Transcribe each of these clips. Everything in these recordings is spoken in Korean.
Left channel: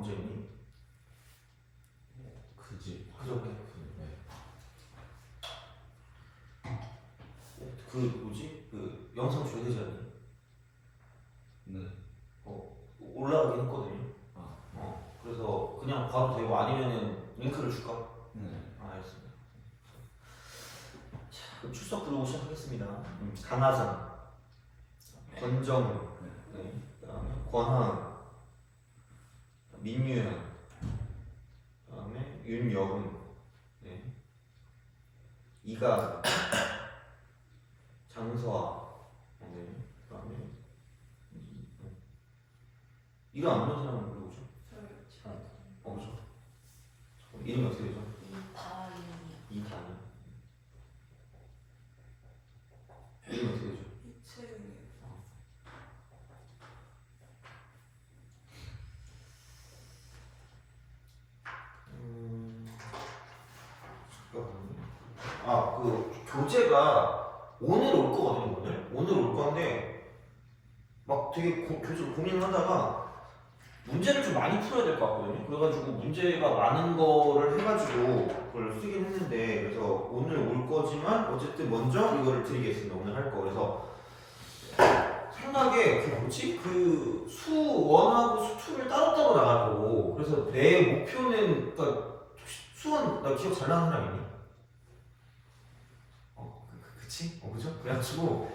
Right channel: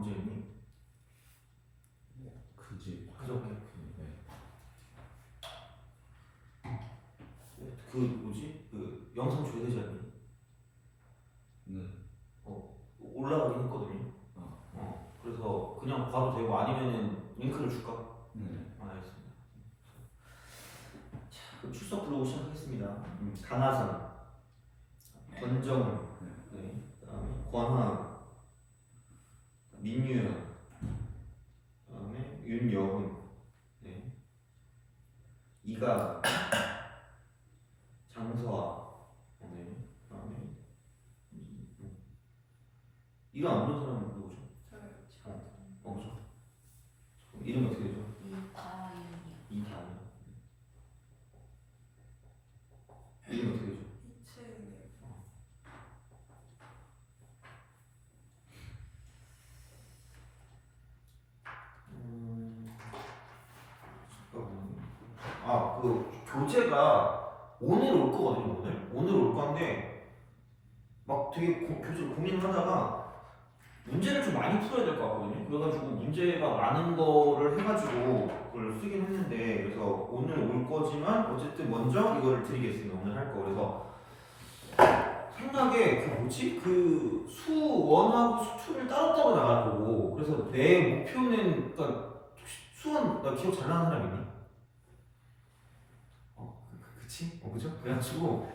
언제 했니? 그저께. 네. 그 뭐지? 그 영상 줘야 되지 않니? 네. 올라가긴 했거든요. 그래서 그냥 봐도 되고 아니면은 링크를 줄까? 네. 알겠습니다. 자, 그럼 출석 부르고 시작하겠습니다. 강하선, 권정, 네. 그다음에 권한, 민유연, 그다음에 윤여훈, 네. 이가, 장서아, 네. 그다음에 이가 안 오는 사람은 누구죠? 그죠? 이름이 어떻게 되죠? 이다니. 이름이 어떻게 되죠? 잠깐만요. 그 교재가 오늘 올 거거든요. 오늘 올 건데 막 되게 교재를 고민을 하다가 문제를 좀 많이 풀어야 될 것 같거든요. 그래가지고 문제가 많은 거를 해가지고 그걸 쓰긴 했는데 그래서 오늘 올 거지만 어쨌든 먼저 이거를 드리겠습니다. 오늘 할 거. 그래서 생각에 그 뭐지? 그 수1하고 수2를 따로따로 나갈 거고 그래서 내 목표는 그러니까 수원 나 기억 잘 나는 사람 있니? 그치? 그죠? 그래가지고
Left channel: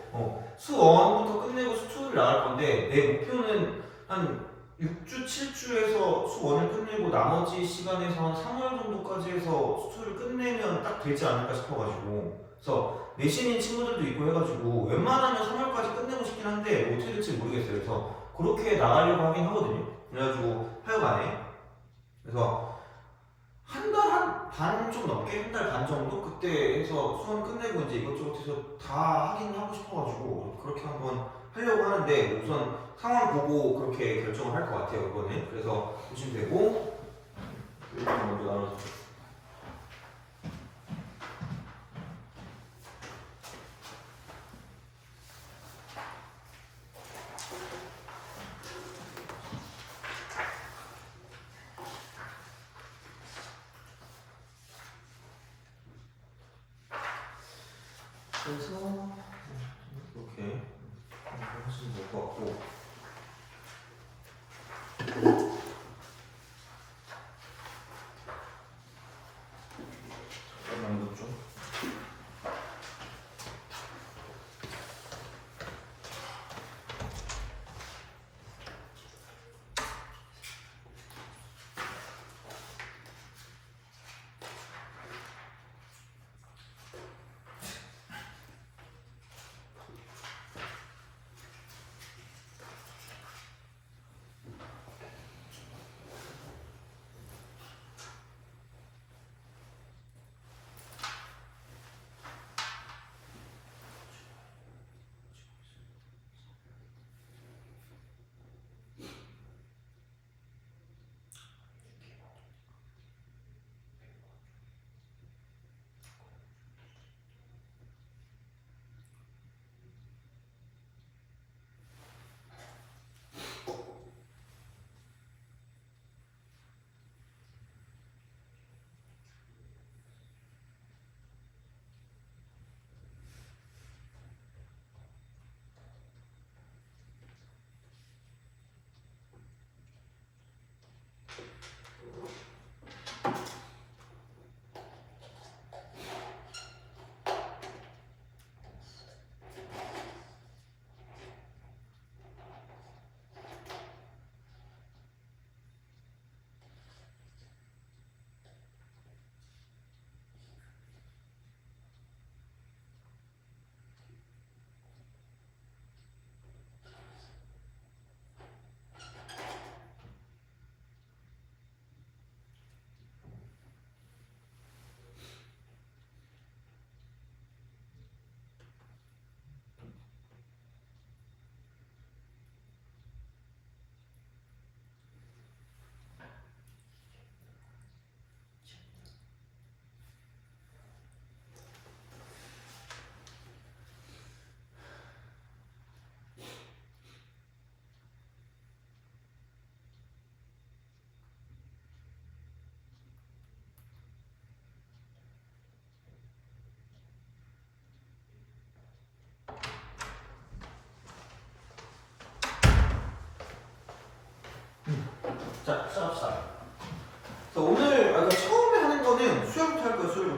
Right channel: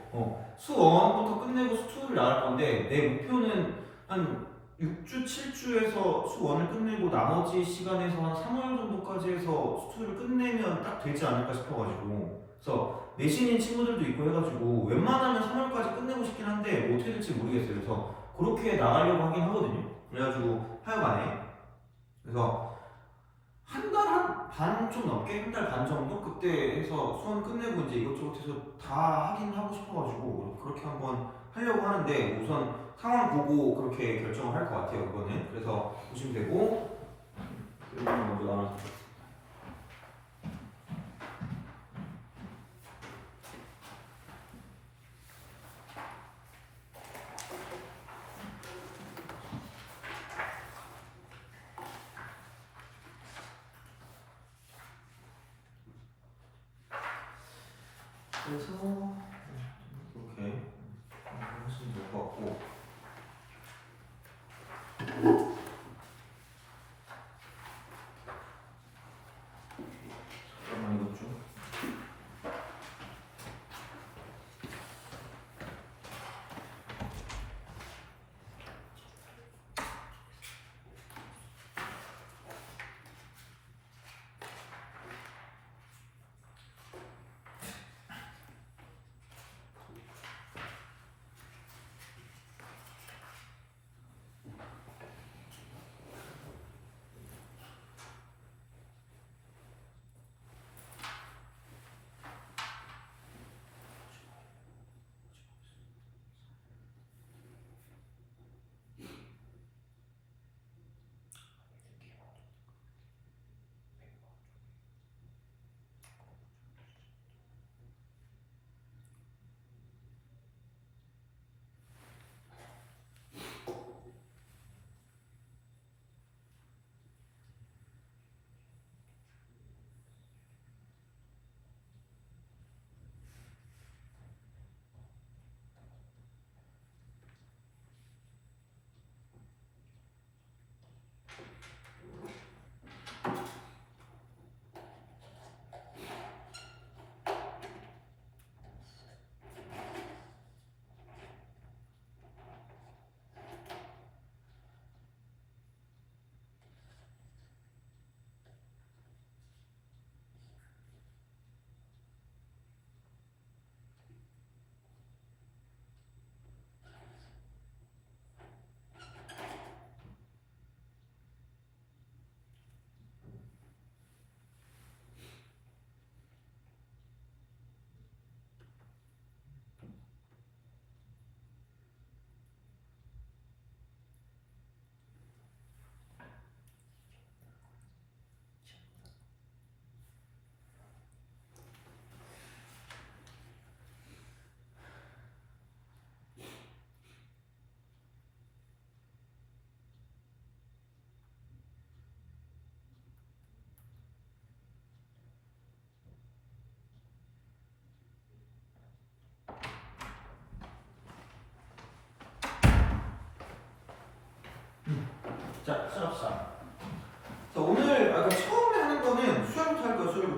수1부터 끝내고 수2를 나갈 건데 내 목표는 한 6주, 7주에서 수1을 끝내고 나머지 시간에서 한 3월 정도까지 해서 수2를 끝내면 딱 되지 않을까 싶어가지고 그래서 내신인 친구들도 있고 해가지고 웬만하면 3월까지 끝내고 싶긴 한데 뭐 어떻게 될지 모르겠어요. 그래서 그렇게 나가려고 하긴 하거든요. 그래가지고 하여간에 그래서 한 달 반 좀 넘게 한 달 반 정도 그때 해서 수원 끝내고 이제 이것저것 해서 다 하긴 하고 싶어가지고 그렇게 한번 하려고 하는데 우선 상황 보고 그렇게 결정을 할 것 같아요. 그거는 그래서 보시면 되고 이거는 먼저 나눠주세요. 그래서 이렇게 하시면 될 것 같고 잠깐만 이것 좀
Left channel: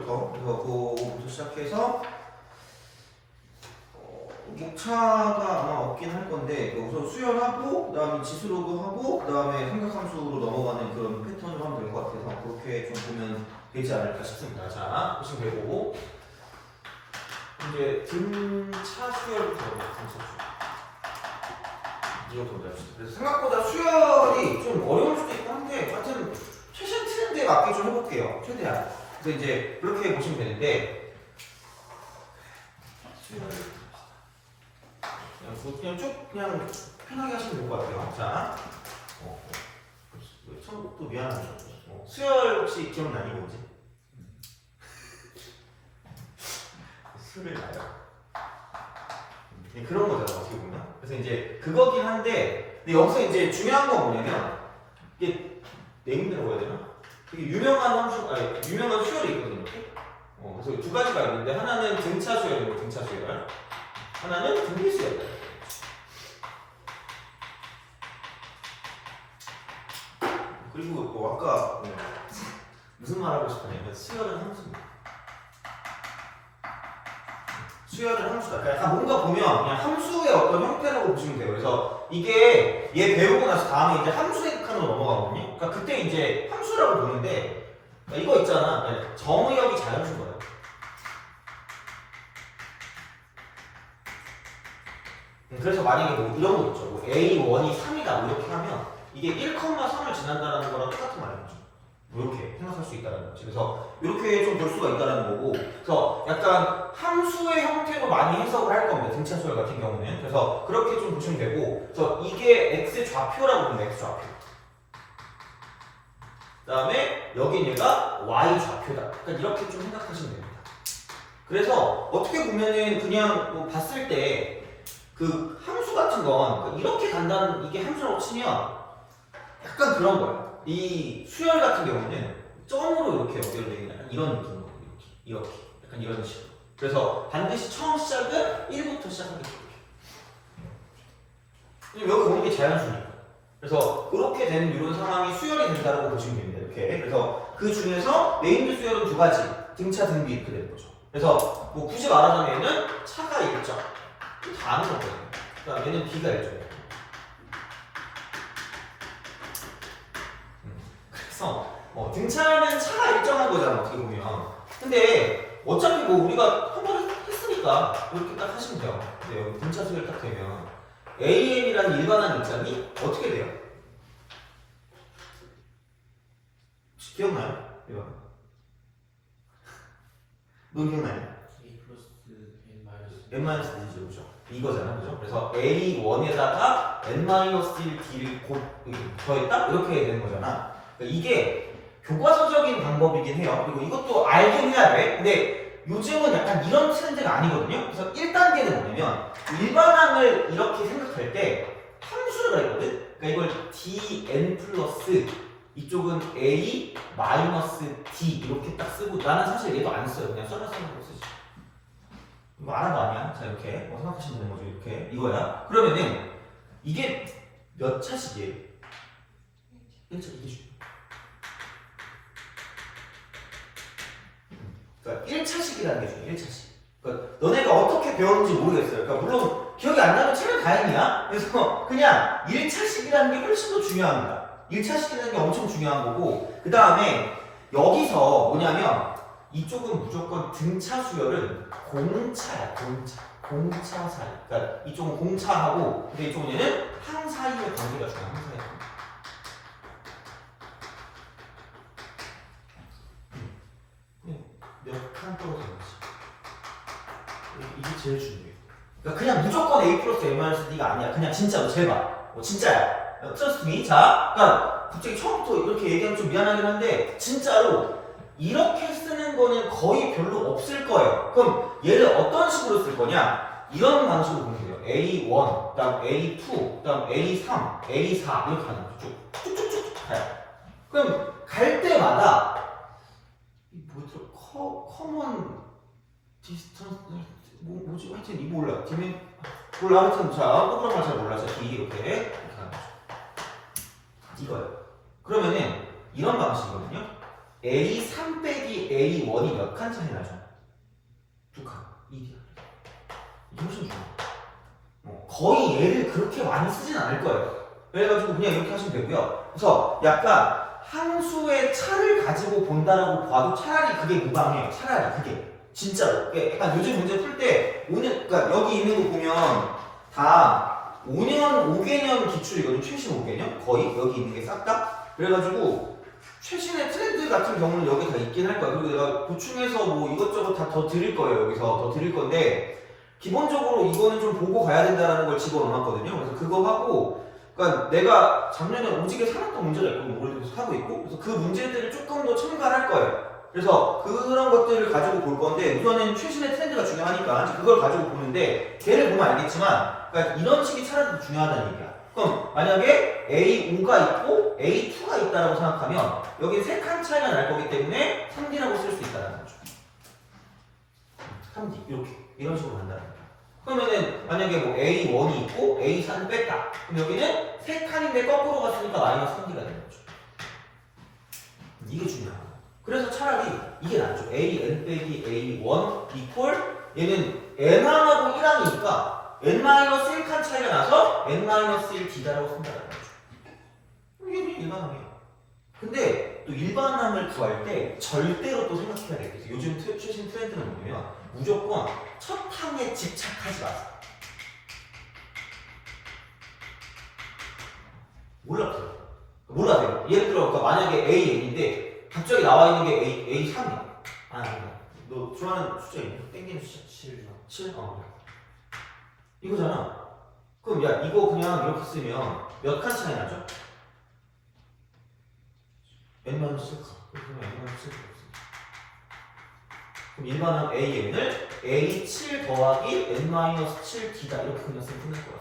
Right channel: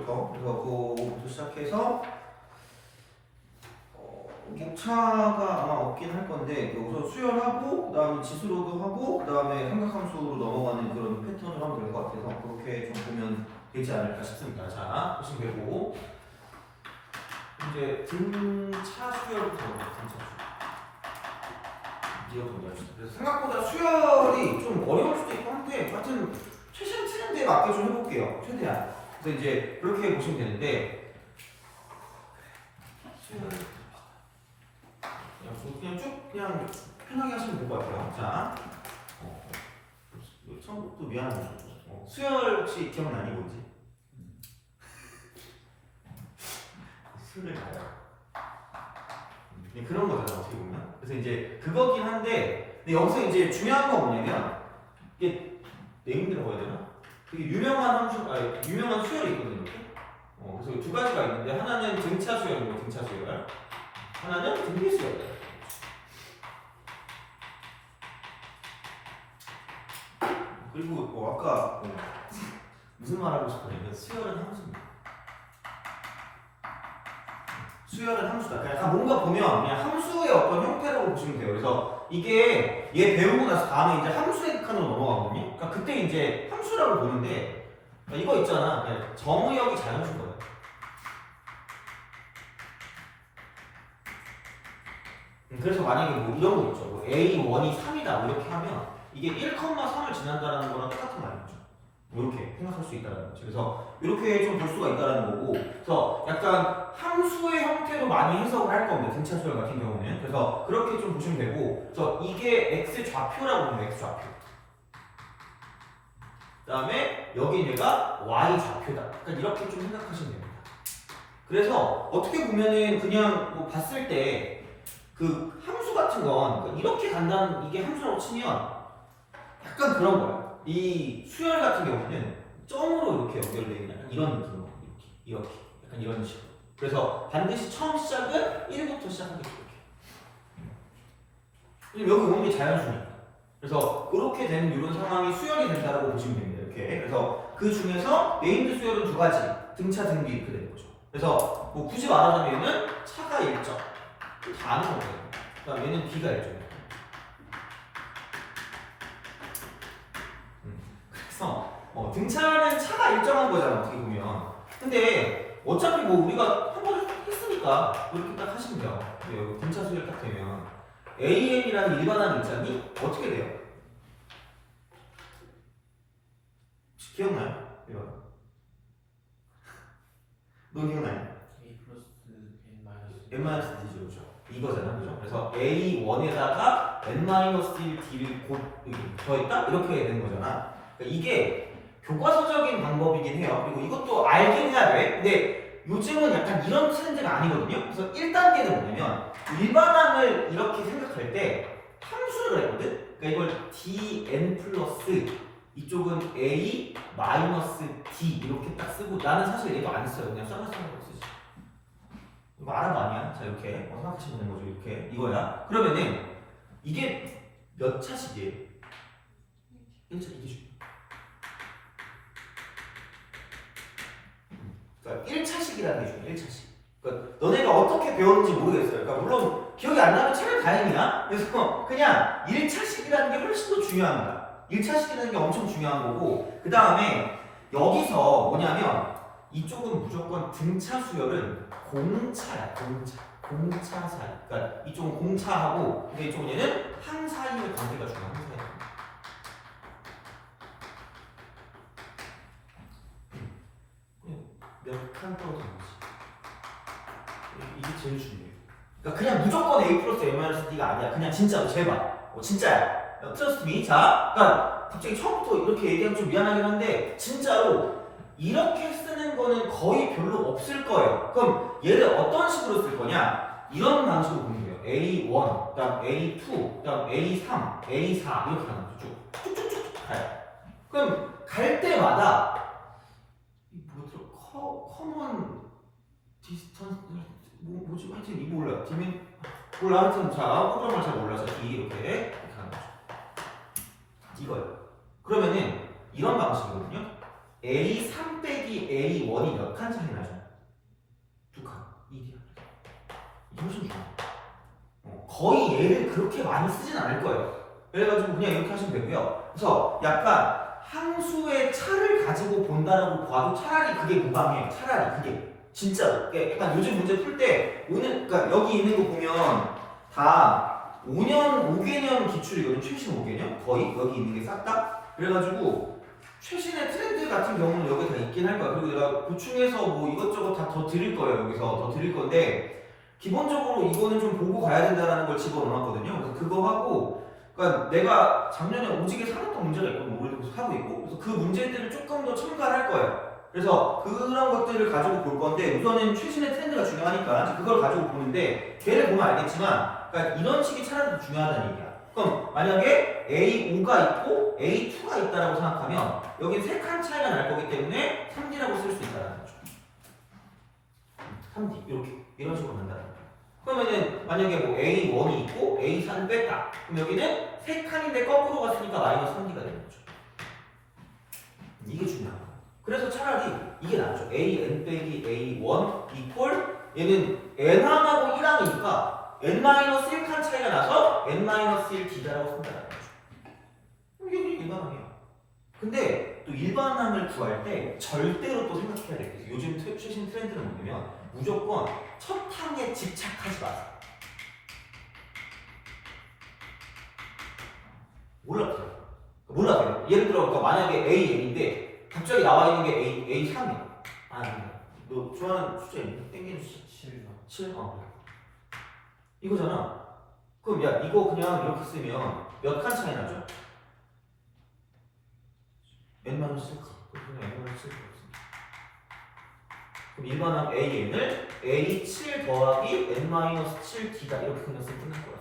수열부터 그래서 그거부터 시작해서 목차가 아마 없긴 할 건데 우선 수열하고 그다음에 지수로그 하고 그다음에 삼각함수로 넘어가는 그런 패턴으로 하면 될 것 같아서 그렇게 좀 보면 되지 않을까 싶습니다. 자 보시면 되고 이제 등차 수열부터 등차 수열 이것도 먼저 합시다. 그래서 생각보다 수열이 좀 어려울 수도 있고 한데 하여튼 최신 트렌드에 맞게 좀 해볼게요. 최대한. 그래서 이제 그렇게 보시면 되는데 수열 그냥 쭉 그냥 편하게 하시면 될 것 같아요. 자, 처음부터 미안하죠. 수열 혹시 기억나니 뭔지? 수를 나요. 그런 거잖아 어떻게 보면. 그래서 이제 그거긴 한데, 근데 여기서 이제 중요한 건 뭐냐면 이게 네임드라고 해야 되나? 되게 유명한 함수, 아니 유명한 수열이 있거든요. 이렇게. 그래서 두 가지가 있는데 하나는 등차 수열이고 등차 수열, 하나는 등비 수열. 그리고 아까 무슨 말 하고 싶었냐면 수열은 함수입니다. 수열은 함수다. 그러니까 뭔가 보면 그냥 함수의 어떤 형태라고 보시면 돼요. 그래서 이게 얘 배우고 나서 다음에 이제 함수의 극한으로 넘어가거든요. 그러니까 그때 이제 함수라고 보는데 그러니까 이거 있잖아. 그러니까 정의역이 자연수인 거예요. 그래서 만약에 뭐 이런 거 있죠. 뭐 A1이 3이다 이렇게 하면 이게 1,3을 지난다는 거랑 똑같은 말이죠. 이렇게 생각할 수 있다는 거지. 그래서 이렇게 좀 볼 수가 있다는 거고, 그래서 약간 함수의 형태로 많이 해석을 할 겁니다. 등차 수열 같은 경우는. 그래서 그렇게 좀 보시면 되고, 그래서 이게 x 좌표라고 보면 x 좌표. 그다음에 여긴 얘가 y 좌표다. 그러니까 이렇게 좀 생각하시면 됩니다. 그래서 어떻게 보면은 그냥 뭐 봤을 때 그 함수 같은 건 이렇게 간다는 이게 함수라고 치면 약간 그런 거야. 이 수열 같은 경우는 점으로 이렇게 연결되는 약간 이런 느낌으로 이렇게 약간 이런 식으로. 그래서 반드시 처음 시작은 1부터 시작하겠죠. 여기 오는 게 자연수니까. 그래서 그렇게 되는 이런 상황이 수열이 된다고 보시면 됩니다. 이렇게. 그래서 그 중에서 네임드 수열은 두 가지, 등차, 등비 이렇게 되는 거죠. 그래서 뭐 굳이 말하자면 얘는 차가 1점, 다 아는 거예요. 그다음 얘는 B가 1점. 그래서 등차는 차가 일정한 거잖아 어떻게 보면. 근데 어차피 뭐 우리가 한 번 했으니까 이렇게 딱 하시면 돼요. 근데 여기 등차 수열 딱 되면 AM이라는 일반한 입장이 어떻게 돼요? 혹시 기억나요? 이거 너 기억나냐? A 플러스 N 마이너스 N-D죠, 그죠? 이거잖아, 그죠? 그래서 A1에다가 N-1D를 곧 더했다? 이렇게 되는 거잖아. 그러니까 이게 교과서적인 방법이긴 해요. 그리고 이것도 알긴 해야 돼. 근데 요즘은 약간 이런 트렌드가 아니거든요. 그래서 1단계는 뭐냐면 일반항을 이렇게 생각할 때 함수를 했거든? 그러니까 이걸 dn 플러스 이쪽은 a 마이너스 d 이렇게 딱 쓰고 나는 사실 얘도 안 써요. 그냥 써서 쓰는 거 쓰지. 이거 알아도 아니야? 자 이렇게 생각하시면 되는 거죠. 이렇게 이거야. 그러면은 이게 몇 차식이에요? 1차 이게 중요해. 그러니까 1차식이라는 게 중요해. 1차식. 그러니까 너네가 어떻게 배웠는지 모르겠어요. 그러니까 물론 기억이 안 나면 차라리 다행이야. 그래서 그냥 1차식이라는 게 훨씬 더 중요합니다. 1차식이라는 게 엄청 중요한 거고 그 다음에 여기서 뭐냐면 이쪽은 무조건 등차 수열은 공차야. 공차 사이. 그러니까 이쪽은 공차하고 근데 이쪽은 얘는 항 사이의 관계가 중요해. 항 사이의 관계. 몇칸 떨어지는 거지. 이게 제일 중요해. 그러니까 그냥 무조건 A 플러스 A-D가 아니야. 그냥 진짜로 제발. 진짜야. Trust me. 자, 그러니까 갑자기 처음부터 이렇게 얘기하면 좀 미안하긴 한데 진짜로 이렇게 쓰는 거는 거의 별로 없을 거예요. 그럼 얘를 어떤 식으로 쓸 거냐? 이런 방식으로 보면 돼요. A1, 그다음 A2, 그다음 A3, A4 이렇게 가는 거죠. 쭉쭉쭉쭉 가요. 그럼 갈 때마다 뭐더라? 커먼 디스턴스 뭐지? 하여튼 이거 몰라. 디멘 몰라. 하여튼 자 프로그램을 잘 몰라서 이렇게 가는 거죠. 이거요. 그러면은 이런 방식이거든요. A3 빼기 A1이 몇 칸 차이 나죠? 2칸. 1이야. 이게 훨씬 중요해요. 거의 얘를 그렇게 많이 쓰진 않을 거예요. 그래가지고 그냥 이렇게 하시면 되고요. 그래서 약간 함수의 차를 가지고 본다라고 봐도 차라리 그게 무방해요. 차라리 그게. 진짜로. 약간 요즘 문제 풀 때 오늘 그러니까 여기 있는 거 보면 다 5년 5개년 기출이거든. 최신 5개년 거의 여기 있는 게 싹 다. 그래가지고 최신의 트렌드 같은 경우는 여기 다 있긴 할 거야. 그리고 내가 보충해서 뭐 이것저것 다 더 드릴 거예요. 여기서 더 드릴 건데 기본적으로 이거는 좀 보고 가야 된다라는 걸 집어넣었거든요. 그래서 그거 하고. 그러니까 내가 작년에 오지게 살았던 문제가 있고 올해도 계속 하고 있고 그래서 그 문제들을 조금 더 첨가할 거예요. 그래서 그런 것들을 가지고 볼 건데 우선은 최신의 트렌드가 중요하니까 그걸 가지고 보는데 걔를 보면 알겠지만 그러니까 이런 식의 차라리 중요하다는 얘기야. 그럼 만약에 A5가 있고 A2가 있다고 생각하면 여긴 3칸 차이가 날 거기 때문에 3D라고 쓸 수 있다는 거죠. 3D 이렇게 이런 식으로 간다는 거죠. 그러면은 만약에 뭐 A1이 있고 A4를 뺐다. 그럼 여기는 3칸인데 거꾸로 갔으니까 마이너스 3D가 되는 거죠. 이게 중요한 거예요. 그래서 차라리 이게 낫죠. AN 빼기 A1 이퀄 얘는 N1하고 1항이니까 N-1칸 차이가 나서 N-1D다라고 쓴다는 거죠. 이게 그냥 일반항이에요. 근데 또 일반항을 구할 때 절대로 또 생각해야 돼요. 그래서 요즘 최신 트렌드는 뭐냐면 무조건 첫 항에 집착하지 마세요. 몰라요. 예를 들어 그러니까 만약에 AN인데 갑자기 나와 있는 게 A3이야. 아, 너 좋아하는 숫자 있니? 땡기는 숫자 7. 이거잖아. 그럼 야 이거 그냥 이렇게 쓰면 몇 칸 차이 나죠? N-7칸. 그러면 N-7칸 없습니다. 그럼 일반항 AN을 A7 더하기 N-7D다 이렇게 그냥 쓰면 끝날 거야.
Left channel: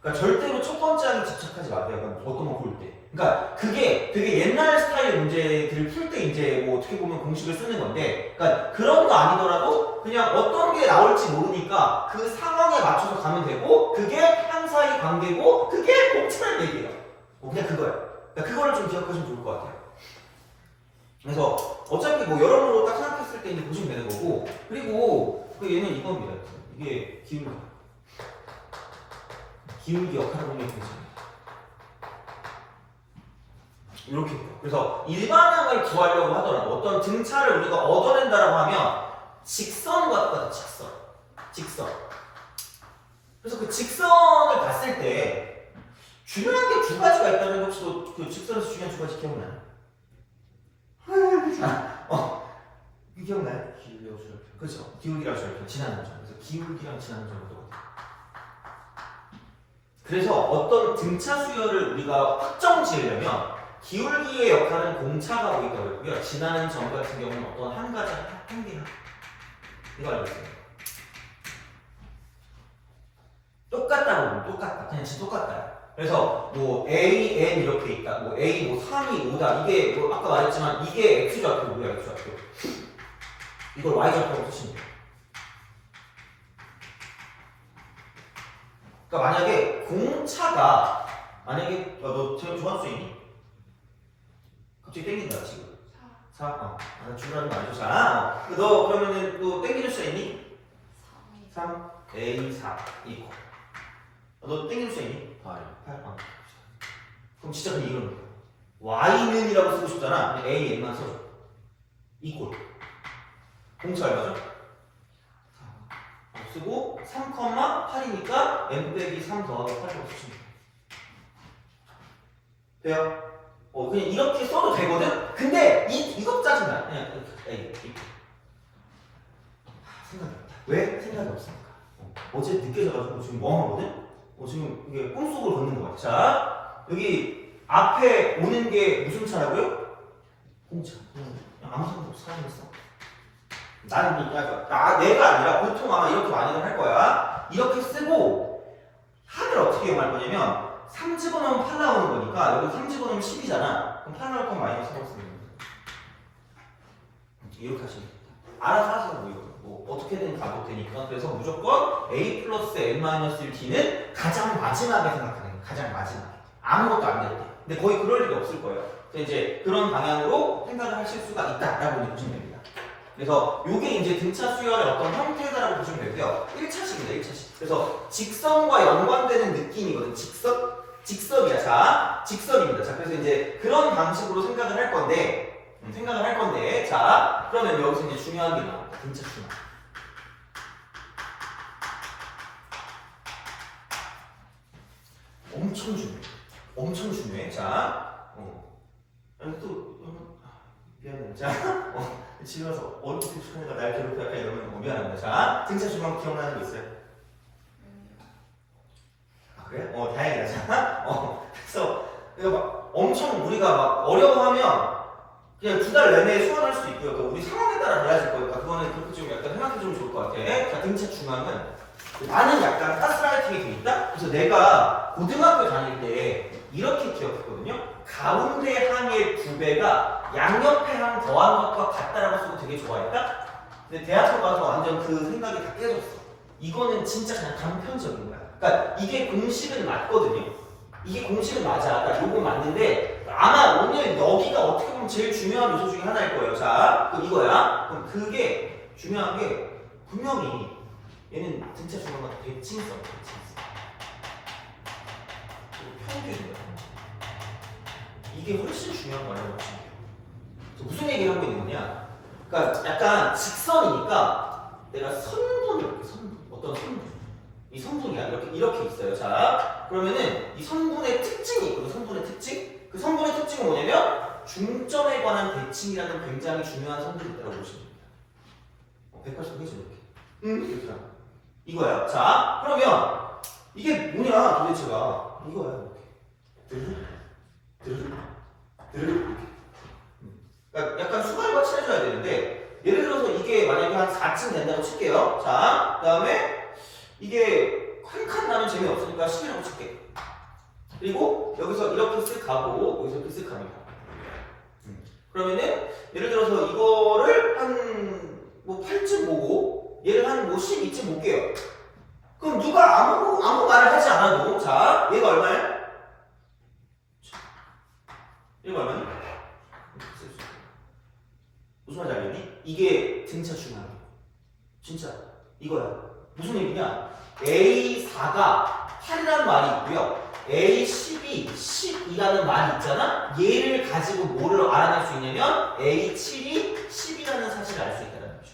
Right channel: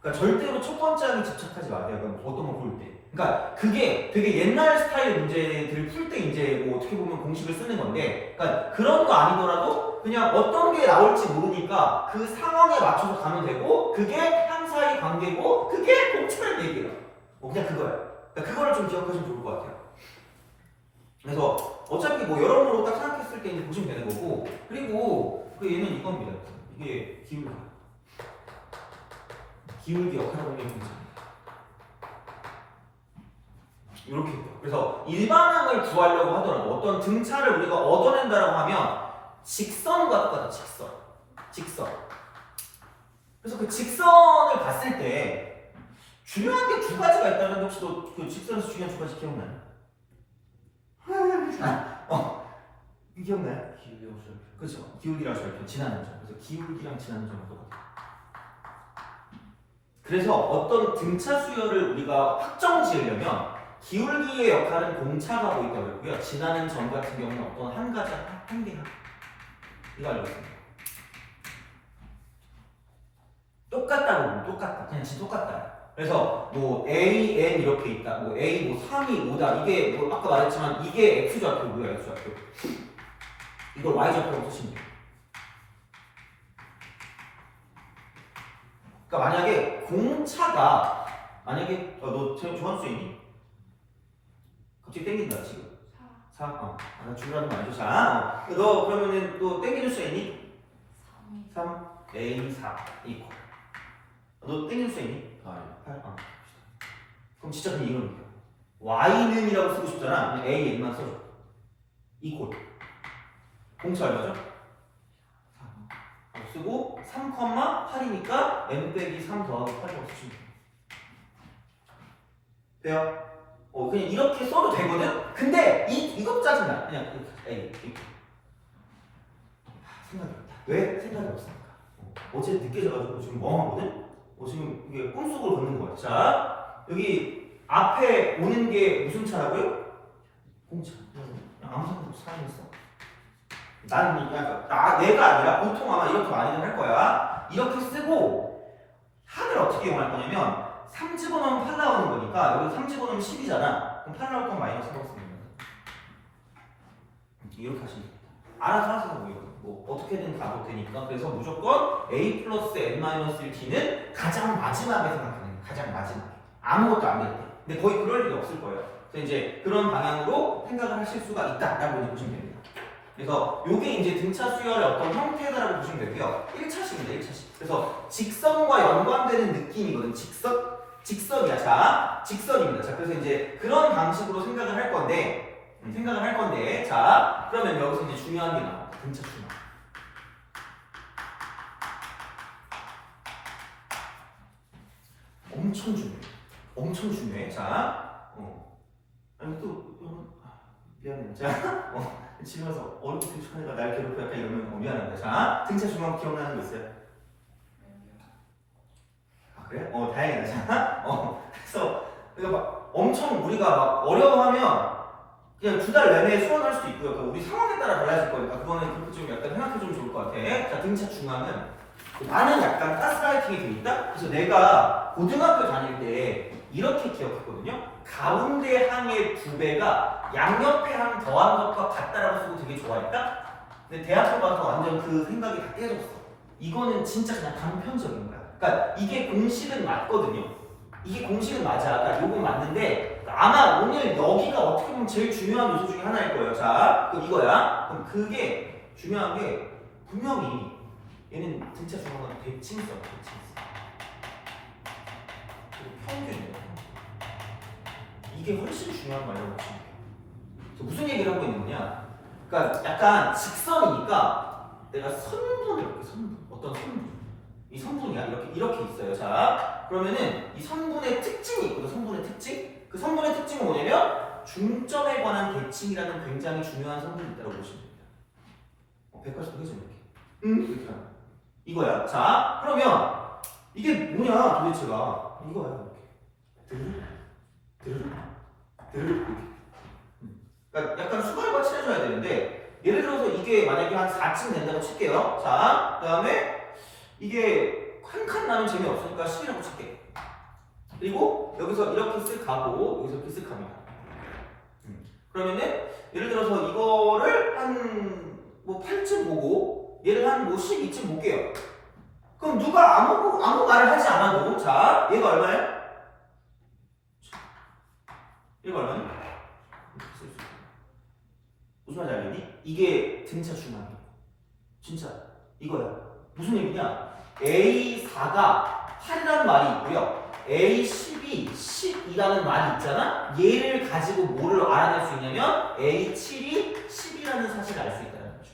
그러니까 절대로 첫 번째 항에 집착하지 마세요. 어떤 거 볼 때. 그러니까 그게 되게 옛날 스타일 문제들 풀 때 이제 뭐 어떻게 보면 공식을 쓰는 건데, 그러니까 그런 거 아니더라도 그냥 어떤 게 나올지 모르니까 그 상황에 맞춰서 가면 되고, 그게 항사의 관계고, 그게 공차라는 얘기예요. 그냥 그거예요. 그러니까 그거를 좀 기억하시면 좋을 것 같아요. 그래서 어차피 뭐 여러모로 딱 생각했을 때 이제 보시면 되는 거고, 그리고 그 얘는 이겁니다. 이게 기울기 역할을 굉장히 이렇게 있고. 그래서 일반항을 구하려고 하더라도 어떤 등차를 우리가 얻어낸다라고 하면 직선과 똑같아. 직선. 그래서 그 직선을 봤을 때 중요한 게 두 가지가 있다는데 혹시 너 그 직선에서 중요한 두 가지 기억나요? 기억나요? 기울기하고 절편. 그렇죠. 기울기랑 절편, 지나는 점. 그래서 기울기랑 지나는 점은 똑같아요. 그래서 어떤 등차 수열을 우리가 확정 지으려면 기울기의 역할은 공차가 하고 있다고 했고요. 지나는 점 같은 경우는 어떤 한 가지 한 개나 이거 알고 있어요. 똑같다고 보면 똑같다. 그냥 진짜 똑같다. 그래서 뭐 A, N 이렇게 있다. 뭐 A 뭐 3이 5다. 이게 뭐 아까 말했지만 이게 X좌표 뭐야 X좌표. 이걸 Y좌표로 쓰시면 돼요. 그러니까 만약에 공차가 만약에 너 좋아하는 수 있니? 갑자기 땡긴다 지금. 4. 나 줄라는 거 아니죠? 자, 너 그러면은 또 땡기는 수 있니? 3. A4 이퀄. 너 땡기는 수 있니? 8. 그럼 진짜 그냥 이거는 돼요. Y는이라고 쓰고 싶잖아. 그냥 A, N만 써줘. 이퀄. 공차 얼마죠? 쓰고 3,8이니까 n 빼기 3 더하기 8이라고 쓰시면 돼요. 그냥 이렇게 써도 되거든? 근데 이거 짜증나. 그냥 이렇게. 생각이 없다. 왜? 생각이 없으니까. 어제 늦게 자가지고 지금 멍하거든? 지금 이게 꿈속을 걷는 것 같아. 자, 여기 앞에 오는 게 무슨 차라고요? 공차. 아무 상관 없어. 사용했어. 나는 내가 아니라 보통 아마 이렇게 많이들 할 거야. 이렇게 쓰고 합을 어떻게 이용할 거냐면 3 집어넣으면 8 나오는 거니까 여기 3 집어넣으면 10이잖아. 그럼 8 나올 건 마이너스 3로 쓰는 거야. 이렇게 하시면 됩니다. 알아서 하세요. 뭐 어떻게든 가도 되니까. 그래서 무조건 A 플러스 N-1D는 가장 마지막에 생각하는 거예요. 가장 마지막에. 아무것도 안 될 때. 근데 거의 그럴 일이 없을 거예요. 그래서 이제 그런 방향으로 생각을 하실 수가 있다라고 이제 보시면 됩니다. 그래서 이게 이제 등차 수열의 어떤 형태다라고 보시면 되고요. 1차식입니다. 1차식. 그래서 직선과 연관되는 느낌이거든요. 직선이야. 자, 직선입니다. 자, 그래서 이제 그런 방식으로 생각을 할 건데, 자, 그러면 여기서 이제 중요한 게 나옵니다. 등차 중앙. 엄청 중요해. 자, 아니 또 미안해. 자, 집에 와서 얼굴 표현가 날 괴롭혀 약간 이러면 미안합니다. 자, 등차 중앙 기억나는 거 있어요? 아 그래? 다행이다. 자, 그래서 이거 막 엄청 우리가 막 어려워하면 그냥 2달 내내 수강할 수도 있고요. 그러니까 우리 상황에 따라 달라질 거니까 그거는 그렇게 좀 약간 생각해 주면 좋을 것 같아. 자, 등차 중앙은 나는 약간 가스라이팅이 돼 있다? 그래서 내가 고등학교 다닐 때 이렇게 기억했거든요. 가운데 항의 2배가 양옆에 항 더한 것과 같다라고 쓰고 되게 좋아했다? 근데 대학교 가서 완전 그 생각이 다 깨졌어. 이거는 진짜 그냥 단편적인 거야. 그러니까 이게 공식은 맞거든요. 이게 공식은 맞아. 그러니까 요건 맞는데 아마 오늘 여기가 어떻게 보면 제일 중요한 요소 중에 하나일 거예요. 자, 그럼 이거야. 그럼 그게 중요한 게 분명히 얘는 등차 중앙은 대칭성. 평균이야. 이게 훨씬 중요한 말이라고 보시면 돼요. 무슨 얘기를 하고 있는 거냐? 그러니까 약간 직선이니까 내가 선분을 이렇게 어떤 선분, 이 선분이야 이렇게 있어요. 자, 그러면은 이 선분의 특징이 있거든. 선분의 특징. 그 선분의 특징은 뭐냐면 중점에 관한 대칭이라는 굉장히 중요한 선분이 있다고 보시면 됩니다. 180도 해줘 이렇게. 이렇게 하는 이거야. 자, 그러면 이게 뭐냐 도대체가 이거야 이렇게. 이렇게. 그러니까 약간 수관과 칠해줘야 되는데 예를 들어서 이게 만약에 한 4층 된다고 칠게요. 자, 그 다음에 이게 한 칸 나면 재미없으니까 10이라고 칠게. 그리고 여기서 이렇게 쓱 가고 여기서 이렇게 쓱 갑니다. 그러면은 예를 들어서 이거를 한 뭐 8층 보고 얘를 한 뭐 12층 볼게요. 그럼 누가 아무 말을 하지 않아도 자 얘가 얼마야? 얘가 얼마니? 무슨 말인지 알겠니? 이게 등차 중앙이야. 진짜 이거야. 무슨 얘기냐? A4가 8이라는 말이 있고요. A10이 10이라는 말이 있잖아? 얘를 가지고 뭐를 알아낼 수 있냐면 A7이 10이라는 사실을 알 수 있다는 거죠.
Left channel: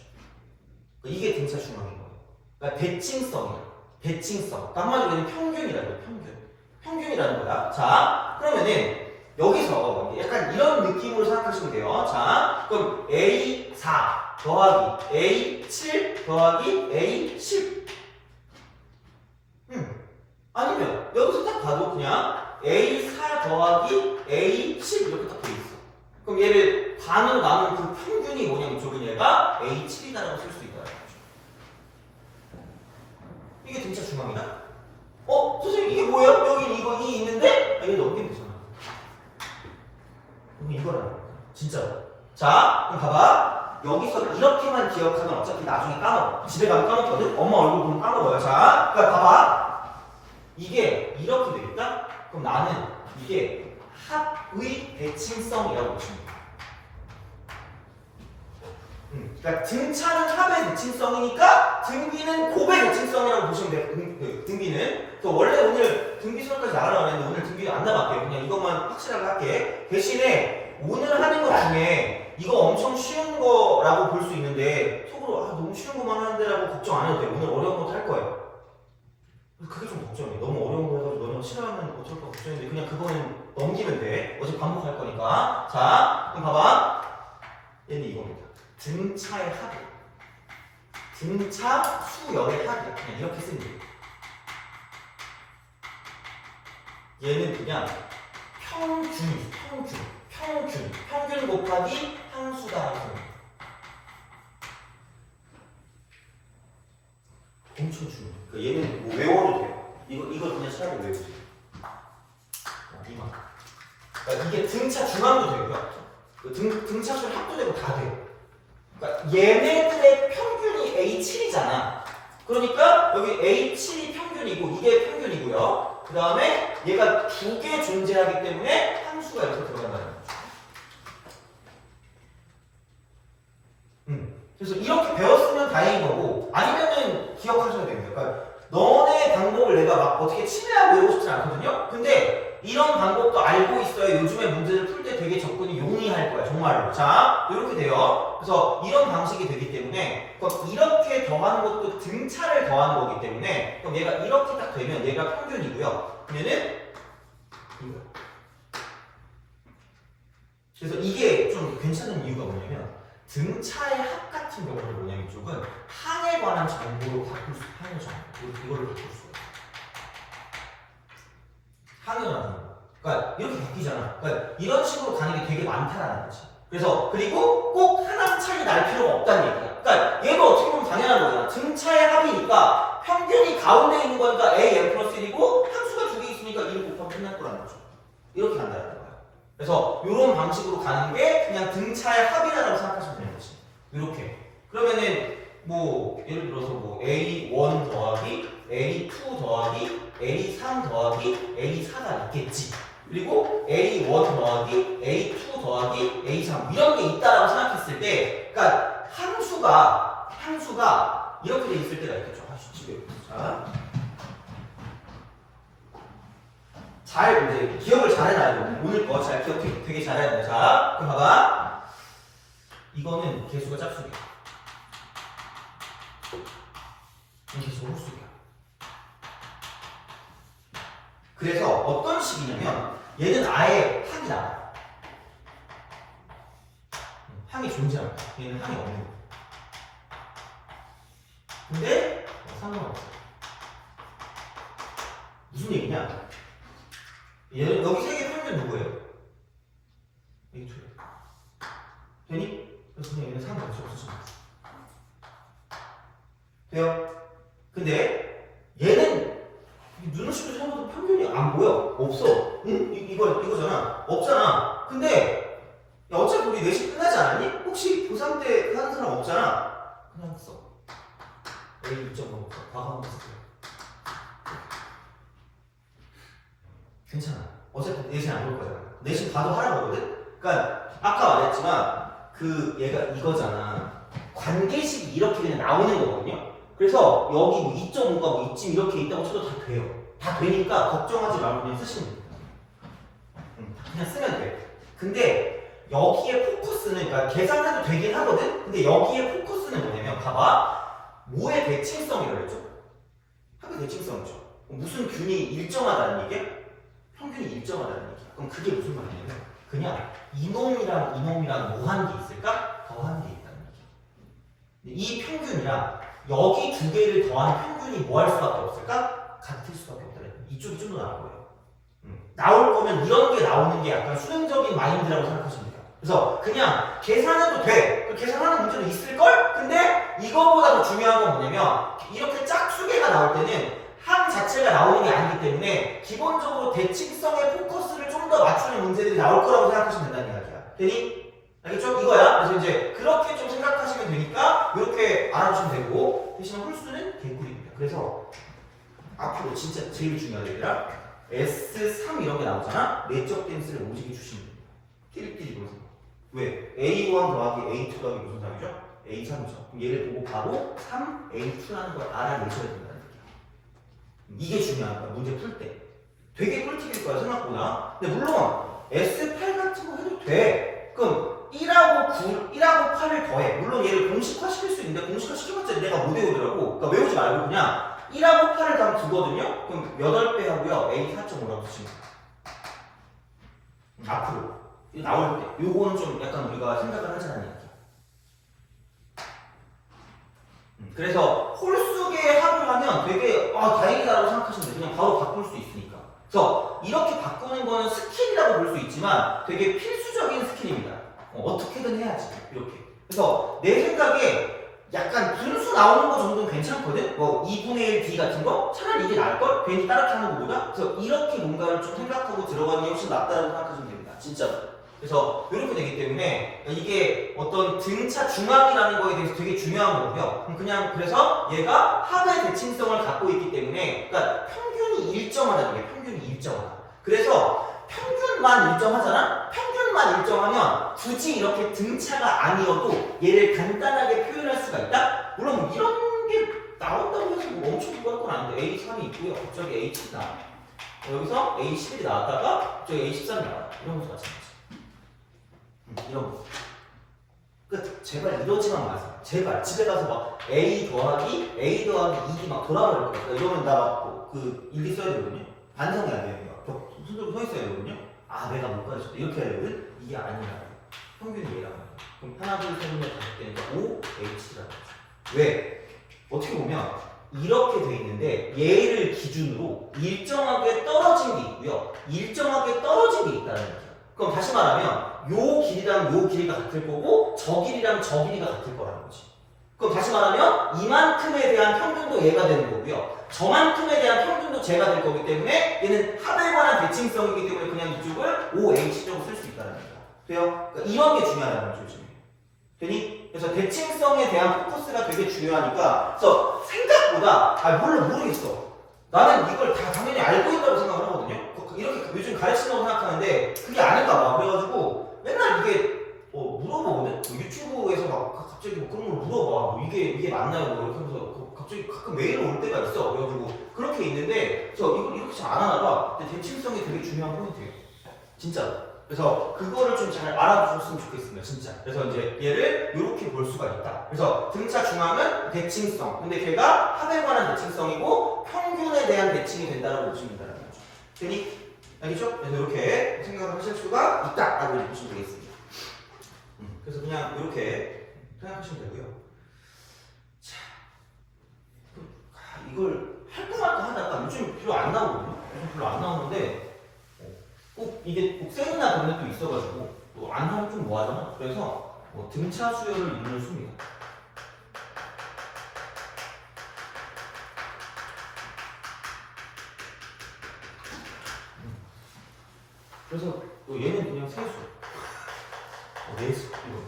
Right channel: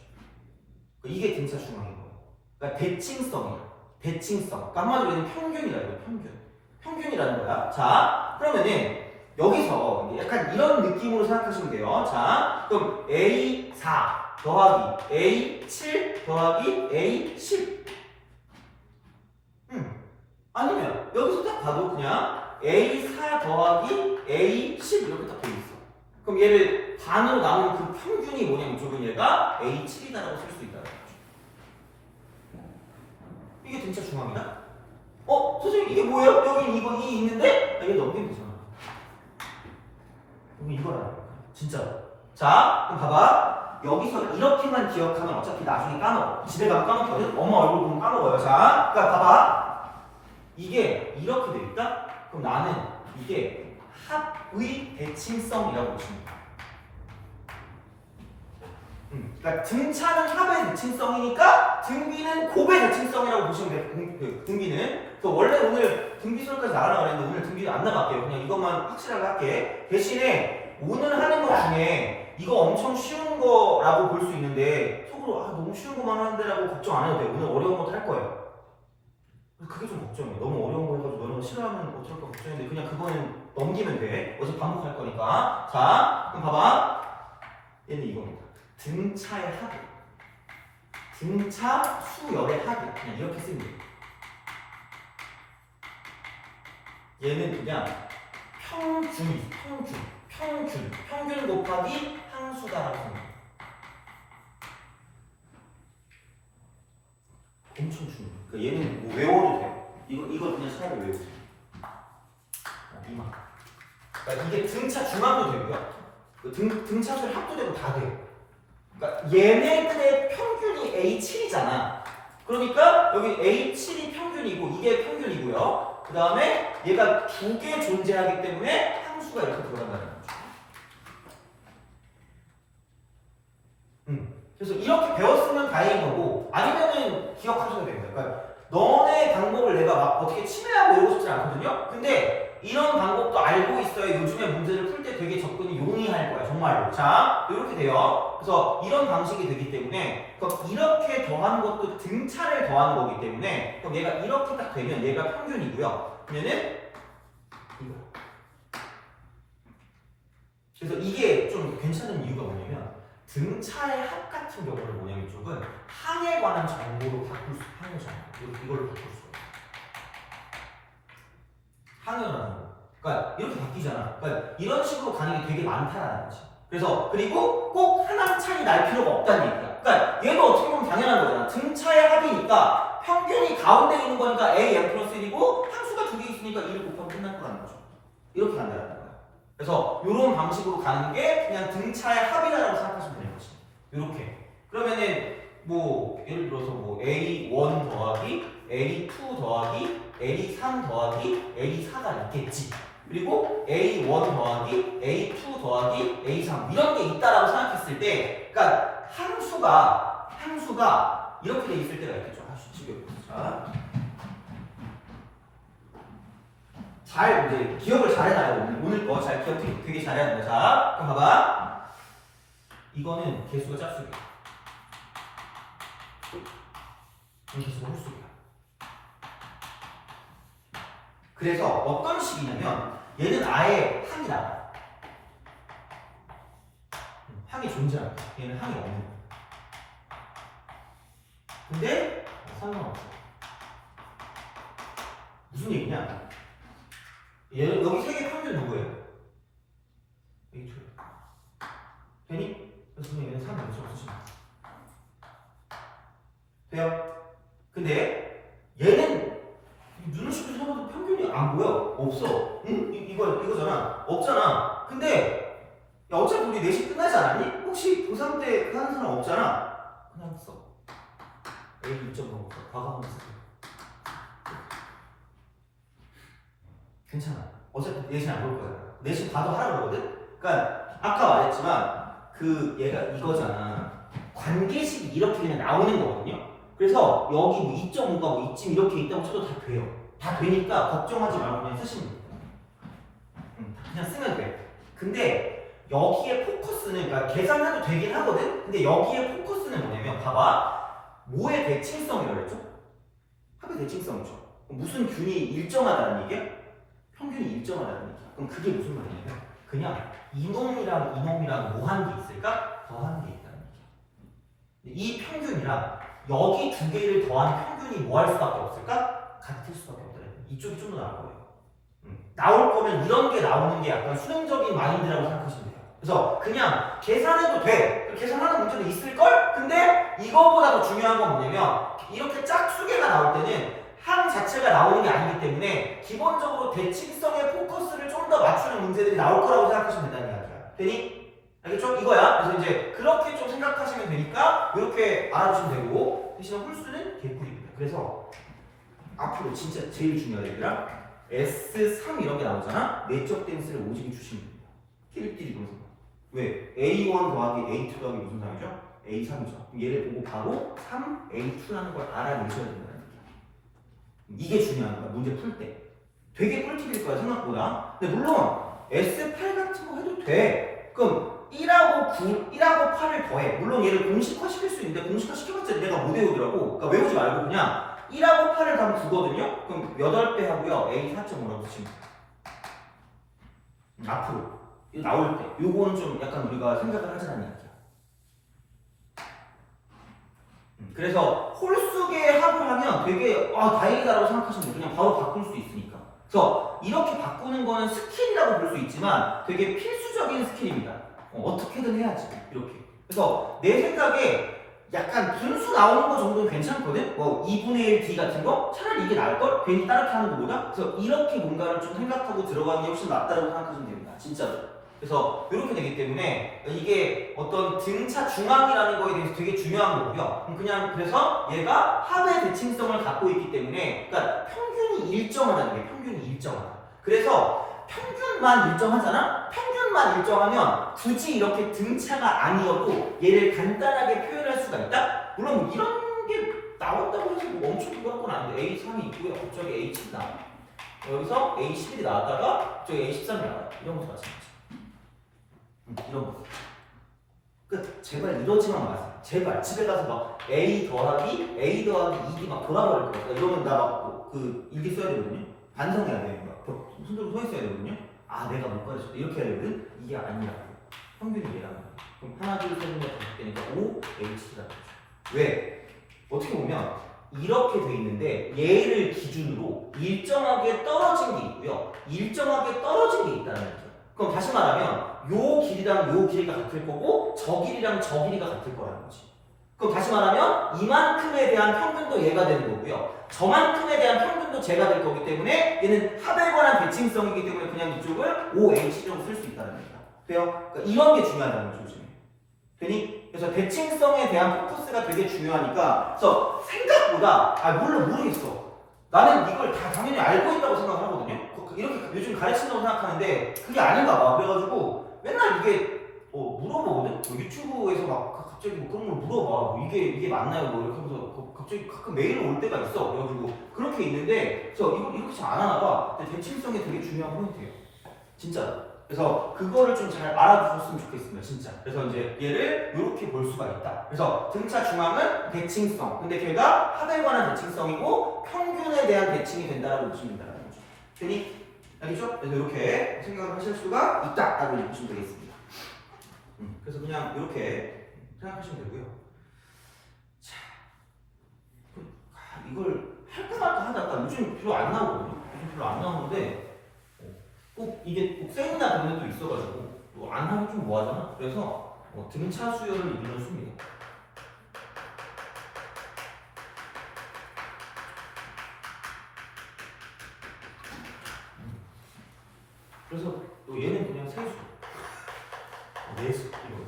이게 등차 중앙인 거예요. 그러니까 대칭성이야. 대칭성. 그러니까 한마디로 얘는 평균이라는 거야. 평균이라는 거야. 자, 그러면은 여기서 약간 이런 느낌으로 생각하시면 돼요. 자, 그럼 A4 더하기 A7 더하기 A10. 아니면 여기서 딱 봐도 그냥 A4 더하기 A10 이렇게 딱 돼 있어. 그럼 얘를 반으로 나눈 그 평균이 뭐냐면 저기 얘가 A7이다라고 쓸 수 있다는 거죠. 이게 등차 중앙이다? 선생님 이게 뭐예요? 여기 이 있는데? 얘 넘기면 되잖아. 여기 이거라. 진짜로. 자, 그럼 봐봐. 여기서 이렇게만 기억하면 어차피 나중에 까먹어. 집에 가면 까먹거든? 엄마 얼굴 보면 까먹어요. 자, 그러니까 봐봐. 이게 이렇게 돼 있다? 그럼 나는 이게 합의 대칭성이라고 보시면 돼. 그러니까 등차는 합의 대칭성이니까 등비는 곱의 대칭성이라고 보시면 돼. 등비는. 또 원래 오늘 등비 수업까지 나가려고 했는데 오늘 등비 안 나갈게요. 그냥 이것만 확실하게 할게. 대신에 오늘 하는 것 중에 이거 엄청 쉬운 거라고 볼 수 있는데 속으로 너무 쉬운 것만 하는데라고 걱정 안 해도 돼. 오늘 어려운 것도 할 거예요. 그게 좀 걱정이야. 너무 어려운 거 해가지고 너네가 싫어하면 어쩔까 걱정인데 그냥 그거는 넘기면 돼. 어차피 반복할 거니까. 자, 그럼 봐봐. 얘는 이겁니다. 등차의 합. 등차 수열의 합이야. 그냥 이렇게 쓰면 돼. 얘는 그냥 평균 곱하기 항수다라고 생각해. 엄청 중요해. 그러니까 얘는 뭐 외워도 돼. 이거 그냥 차라리 외우지. 이만. 그러니까 이게 등차 중앙도 되고요. 등차수를 합도 되고 다 돼. 그러니까 얘네들의 평균이 A7이잖아. 그러니까 여기 A7이 평균이고 이게 평균이고요. 그 다음에 얘가 2개 존재하기 때문에 함수가 이렇게 들어간다는 거죠. 그래서 이렇게 배웠으면 다행인 거고 아니면은 기억하셔야 됩니다. 그러니까 너네 방법을 내가 막 어떻게 침해하고 이러고 싶지 않거든요. 근데 이런 방법도 알고 있어야 요즘에 문제를 풀 때 되게 접근이 용이할 거야 정말로. 자 이렇게 돼요. 그래서 이런 방식이 되기 때문에 그럼 이렇게 더한 것도 등차를 더한 거기 때문에 그럼 얘가 이렇게 딱 되면 얘가 평균이고요. 그러면은 이거. 그래서 이게 좀 괜찮은 이유가 뭐냐면 등차의 합 같은 경우는 뭐냐면 이쪽은 항에 관한 정보로 바꿀 수, 항의 정보 이걸로 바꿀 수가 있어요. 항에 관한 정보. 그러니까 이렇게 바뀌잖아. 그러니까 이런 식으로 가는 게 되게 많다라는 거지. 그래서 그리고 꼭 하나 차이 날 필요가 없다는 얘기야. 그러니까 얘도 어떻게 보면 당연한 거잖아. 등차의 합이니까 평균이 가운데 있는 거니까 a n 플러스 1이고 함수가 두 개 있으니까 1을 곱하면 끝날 거라는 거죠. 이렇게 간다는 거야. 그래서 이런 방식으로 가는 게 그냥 등차의 합이라고 생각하시면 되는 거지. 이렇게. 그러면은 뭐 예를 들어서 뭐 A1 더하기 A2 더하기 A3 더하기 A4가 있겠지. 그리고 A1 더하기 A2 더하기 A3 이런 게 있다라고 생각했을 때, 그러니까 함수가 이렇게 돼 있을 때가 있겠죠. 지금 잘 이제 기억을 잘해놔야 돼. 오늘 거 잘 기억해. 되게 잘해야 돼. 자, 그럼 봐봐. 이거는 개수가 짝수기야. 이 개수가 홀수기야. 그래서 어떤 식이냐면 얘는 아예 항이 나와. 항이 존재한다. 얘는 항이 없는 거야. 근데 상관없어. 무슨 얘기냐? 얘는 여기 세 개 평균 누구예요? A2. 되니? 그래서 얘는 상관없이 없으시면 돼요? 근데 얘는 눈을 씻고 생각해도 평균이 안 보여. 없어. 응? 이거잖아. 없잖아. 근데 야, 어차피 우리 4시 끝나지 않았니? 혹시 고3 때 하는 사람 없잖아. 그냥 써. A 2.5 과감하게 쓰세요. 괜찮아. 어차피 내신 안 볼 거잖아. 내신 봐도 하라고 하거든? 그러니까 아까 말했지만 그 얘가 이거잖아. 관계식이 이렇게 그냥 나오는 거거든요. 그래서 여기 뭐 2.5가 뭐 이쯤 이렇게 있다고 쳐도 다 돼요. 다 되니까 걱정하지 말고 그냥 쓰시면 돼요. 그냥 쓰면 돼. 근데 여기에 포커스는 그러니까 계산해도 되긴 하거든? 근데 여기에 포커스는 뭐냐면 봐봐. 뭐의 대칭성이라고 했죠? 합의 대칭성이죠. 무슨 균이 일정하다는 얘기야? 평균이 일정하다는 얘기야. 그럼 그게 무슨 말이냐면 그냥 이놈이랑 뭐 한 게 있을까? 더한 게 있다는 얘기야. 이 평균이랑 여기 두 개를 더한 평균이 뭐 할 수밖에 없을까? 같을 수밖에 없다는 얘기야. 이쪽이 좀 더 나올 거예요. 나올 거면 이런 게 나오는 게 약간 수능적인 마인드라고 생각하시면 돼요. 그래서 그냥 계산해도 돼. 계산하는 문제도 있을걸? 근데 이거보다 더 중요한 건 뭐냐면 이렇게 짝수계가 나올 때는 항 자체가 나오는 게 아니기 때문에 기본적으로 대칭성의 포커스를 좀 더 맞추는 문제들이 나올 거라고 생각하시면 된다는 이야기야. 되니? 알겠죠? 이거야. 그래서 이제 그렇게 좀 생각하시면 되니까 이렇게 알아주시면 되고 대신 홀수는 개꿀입니다. 그래서 앞으로 진짜 제일 중요한 얘들아 S3 이런 게 나오잖아? 내적 댄스를 오지게 주시면 돼요. 끼리끼리 보세요. 왜? A1 더하기 A2 더하기 무슨 3이죠? A3이죠. 그럼 얘를 보고 바로 3A2라는 걸 알아내셔야 된다는 얘기야. 이게 중요한 거야. 문제 풀 때. 되게 꿀팁일 거야 생각보다. 근데 물론 S8 같은 거 해도 돼. 그럼 1하고 8을 더해. 물론 얘를 공식화 시킬 수 있는데 공식화 시켜봤자 내가 못 외우더라고. 그러니까 외우지 말고 그냥 1하고 8을 다 두거든요? 그럼 8배 하고요. A 4.5라고 치면 앞으로 이거 나올 때 요거는 좀 약간 우리가 생각을 하자는 얘기야. 그래서 홀수계 합을 하면 되게 다행이다라고 생각하시면 돼요. 그냥 바로 바꿀 수 있으니까. 그래서 이렇게 바꾸는 거는 스킬이라고 볼 수 있지만 되게 필수적인 스킬입니다. 어떻게든 해야지 이렇게. 그래서 내 생각에 약간 분수 나오는 거 정도는 괜찮거든? 뭐 2분의 1 D 같은 거? 차라리 이게 나을걸? 괜히 따라게 하는 것보다? 그래서 이렇게 뭔가를 좀 생각하고 들어가는 게 훨씬 낫다라고 생각하시면 됩니다. 진짜로. 그래서 이렇게 되기 때문에 이게 어떤 등차 중앙이라는 거에 대해서 되게 중요한 거고요. 그래서 얘가 합의 대칭성을 갖고 있기 때문에 그러니까 평균이 일정하다는 게 평균이 일정하다. 그래서 평균만 일정하잖아? 평균만 일정하면 굳이 이렇게 등차가 아니어도 얘를 간단하게 표현할 수가 있다? 물론 뭐 이런 게 나온다고 해서 뭐 엄청 중요한 건 아닌데 A3이 있고요. 갑자기 A7 나와. 여기서 A11이 나왔다가 갑자기 A13이 나와. 이런 것도 마찬가지. 이런 거. 그 제발 이러지만 마세요. 제발 집에 가서 막 A 더하기 2기 막 돌아버릴 거야. 이러면 나 막 그 일기 써야 되거든요. 반성해야 돼요. 막 손 들고 서 있어야 되거든요. 아 내가 못 가르쳤다 이렇게 해야 되거든. 이게 아니라고. 평균이 얘라고. 그럼 하나 둘셋넷 다섯 개니까 5 H라고. 왜? 어떻게 보면 이렇게 돼 있는데 얘를 기준으로 일정하게 떨어진 게 있고요. 일정하게 떨어진 게 있다는 얘기야. 그럼 다시 말하면 요 길이랑 요 길이가 같을 거고 저 길이랑 저 길이가 같을 거라는 거지. 그럼 다시 말하면 이만큼에 대한 평균도 얘가 되는 거고요. 저만큼에 대한 평균도 제가 될 거기 때문에 얘는 합에 관한 대칭성이기 때문에 그냥 이쪽을 OH라고 쓸 수 있다는 거야. 돼요? 그러니까 이런 게 중요하다는 거죠. 요즘에. 되니? 그래서 대칭성에 대한 포커스가 되게 중요하니까 그래서 생각보다 모르겠어. 나는 이걸 다 당연히 알고 있다고 생각을 하거든요. 이렇게 요즘 가르친다고 생각하는데 그게 아닌가 봐. 그래가지고 맨날 이게 물어보거든. 뭐 유튜브에서 막 갑자기 뭐 그런 걸 물어봐. 뭐 이게 맞나요? 뭐 이렇게 하면서 갑자기 가끔 메일 올 때가 있어. 그래가지고 그렇게 있는데 저 이걸 이렇게 잘 안 하나 봐. 근데 대칭성이 되게 중요한 포인트예요. 진짜. 그래서 그거를 좀 잘 알아두셨으면 좋겠습니다. 진짜. 그래서 이제 얘를 이렇게 볼 수가 있다. 그래서 등차 중앙은 대칭성. 근데 걔가 합에 관한 대칭성이고 평균에 대한 대칭이 된다라고 보시면 된다는 거죠. 되니? 알겠죠? 그래서 이렇게 생각을 하실 수가 있다라고 보시면 되겠습니다. 그래서 그냥 이렇게 생각하시면 되고요. 자, 이걸 할까 말까 하다가 요즘 별로 안 나오거든요. 요즘 별로 안 나오는데 꼭 이게 꼭 세미나 경우도 있어가지고 안 하면 좀 뭐하잖아. 그래서 등차 수열을 이루는 수입니다. 그래서 얘는 그냥 세수. 예수 이거.